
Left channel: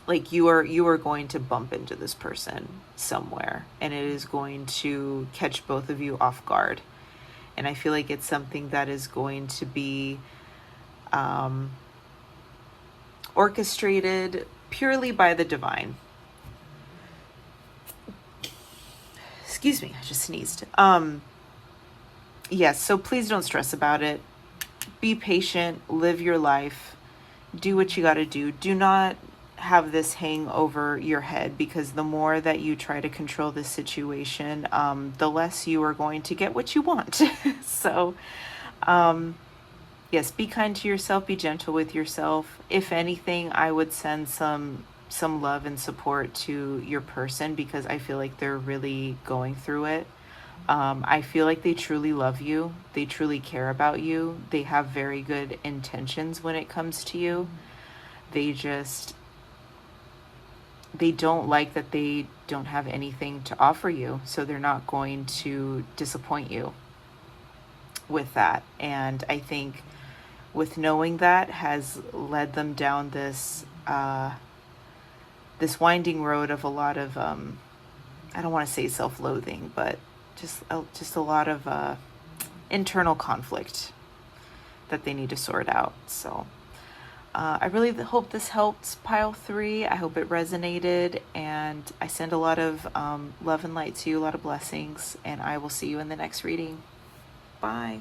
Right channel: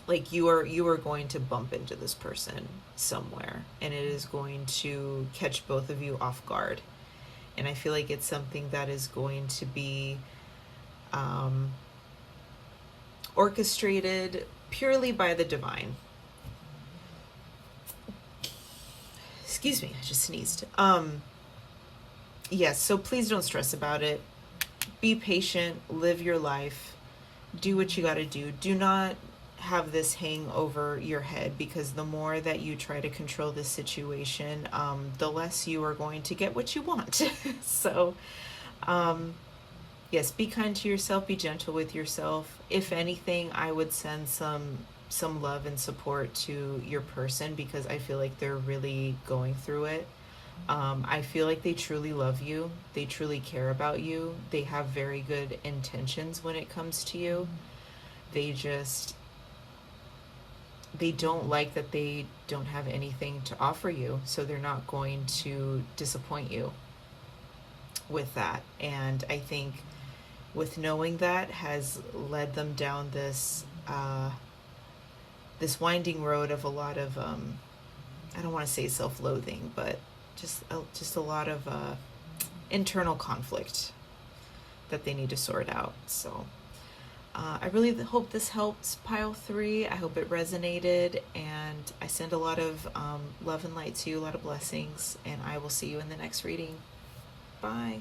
Like you are going to bump into this person somewhere, and it is going to catch both of you off guard. And I feel like it's something that is going to be orchestrated purely by the divine. Excuse me, I just sneezed. Yes, so please don't stress about it. Be patient, live your life, do what you got to do. Do not have this hang over your head, because the more that you try to control this situation, the less you are going to get what you want. So, yes, be kind to yourself, be gentle with yourself. If anything, I would send some love and support to your person, because I feel like they're really going through it. I feel like they truly love you. They truly care about you. They have very good intentions when it comes to you. They don't like that they don't have anything to offer you, so they're not going to disappoint you with that. And I think with knowing that has led them down this winding road of a lot of I don't want to say self-loathing, but just a lot of internal conflict that they need to sort out. So I really hope this helped pile 3. I hope it resonated, and I send a lot of love and light to you, a lot of blessings, and I will see you in the next reading. Bye.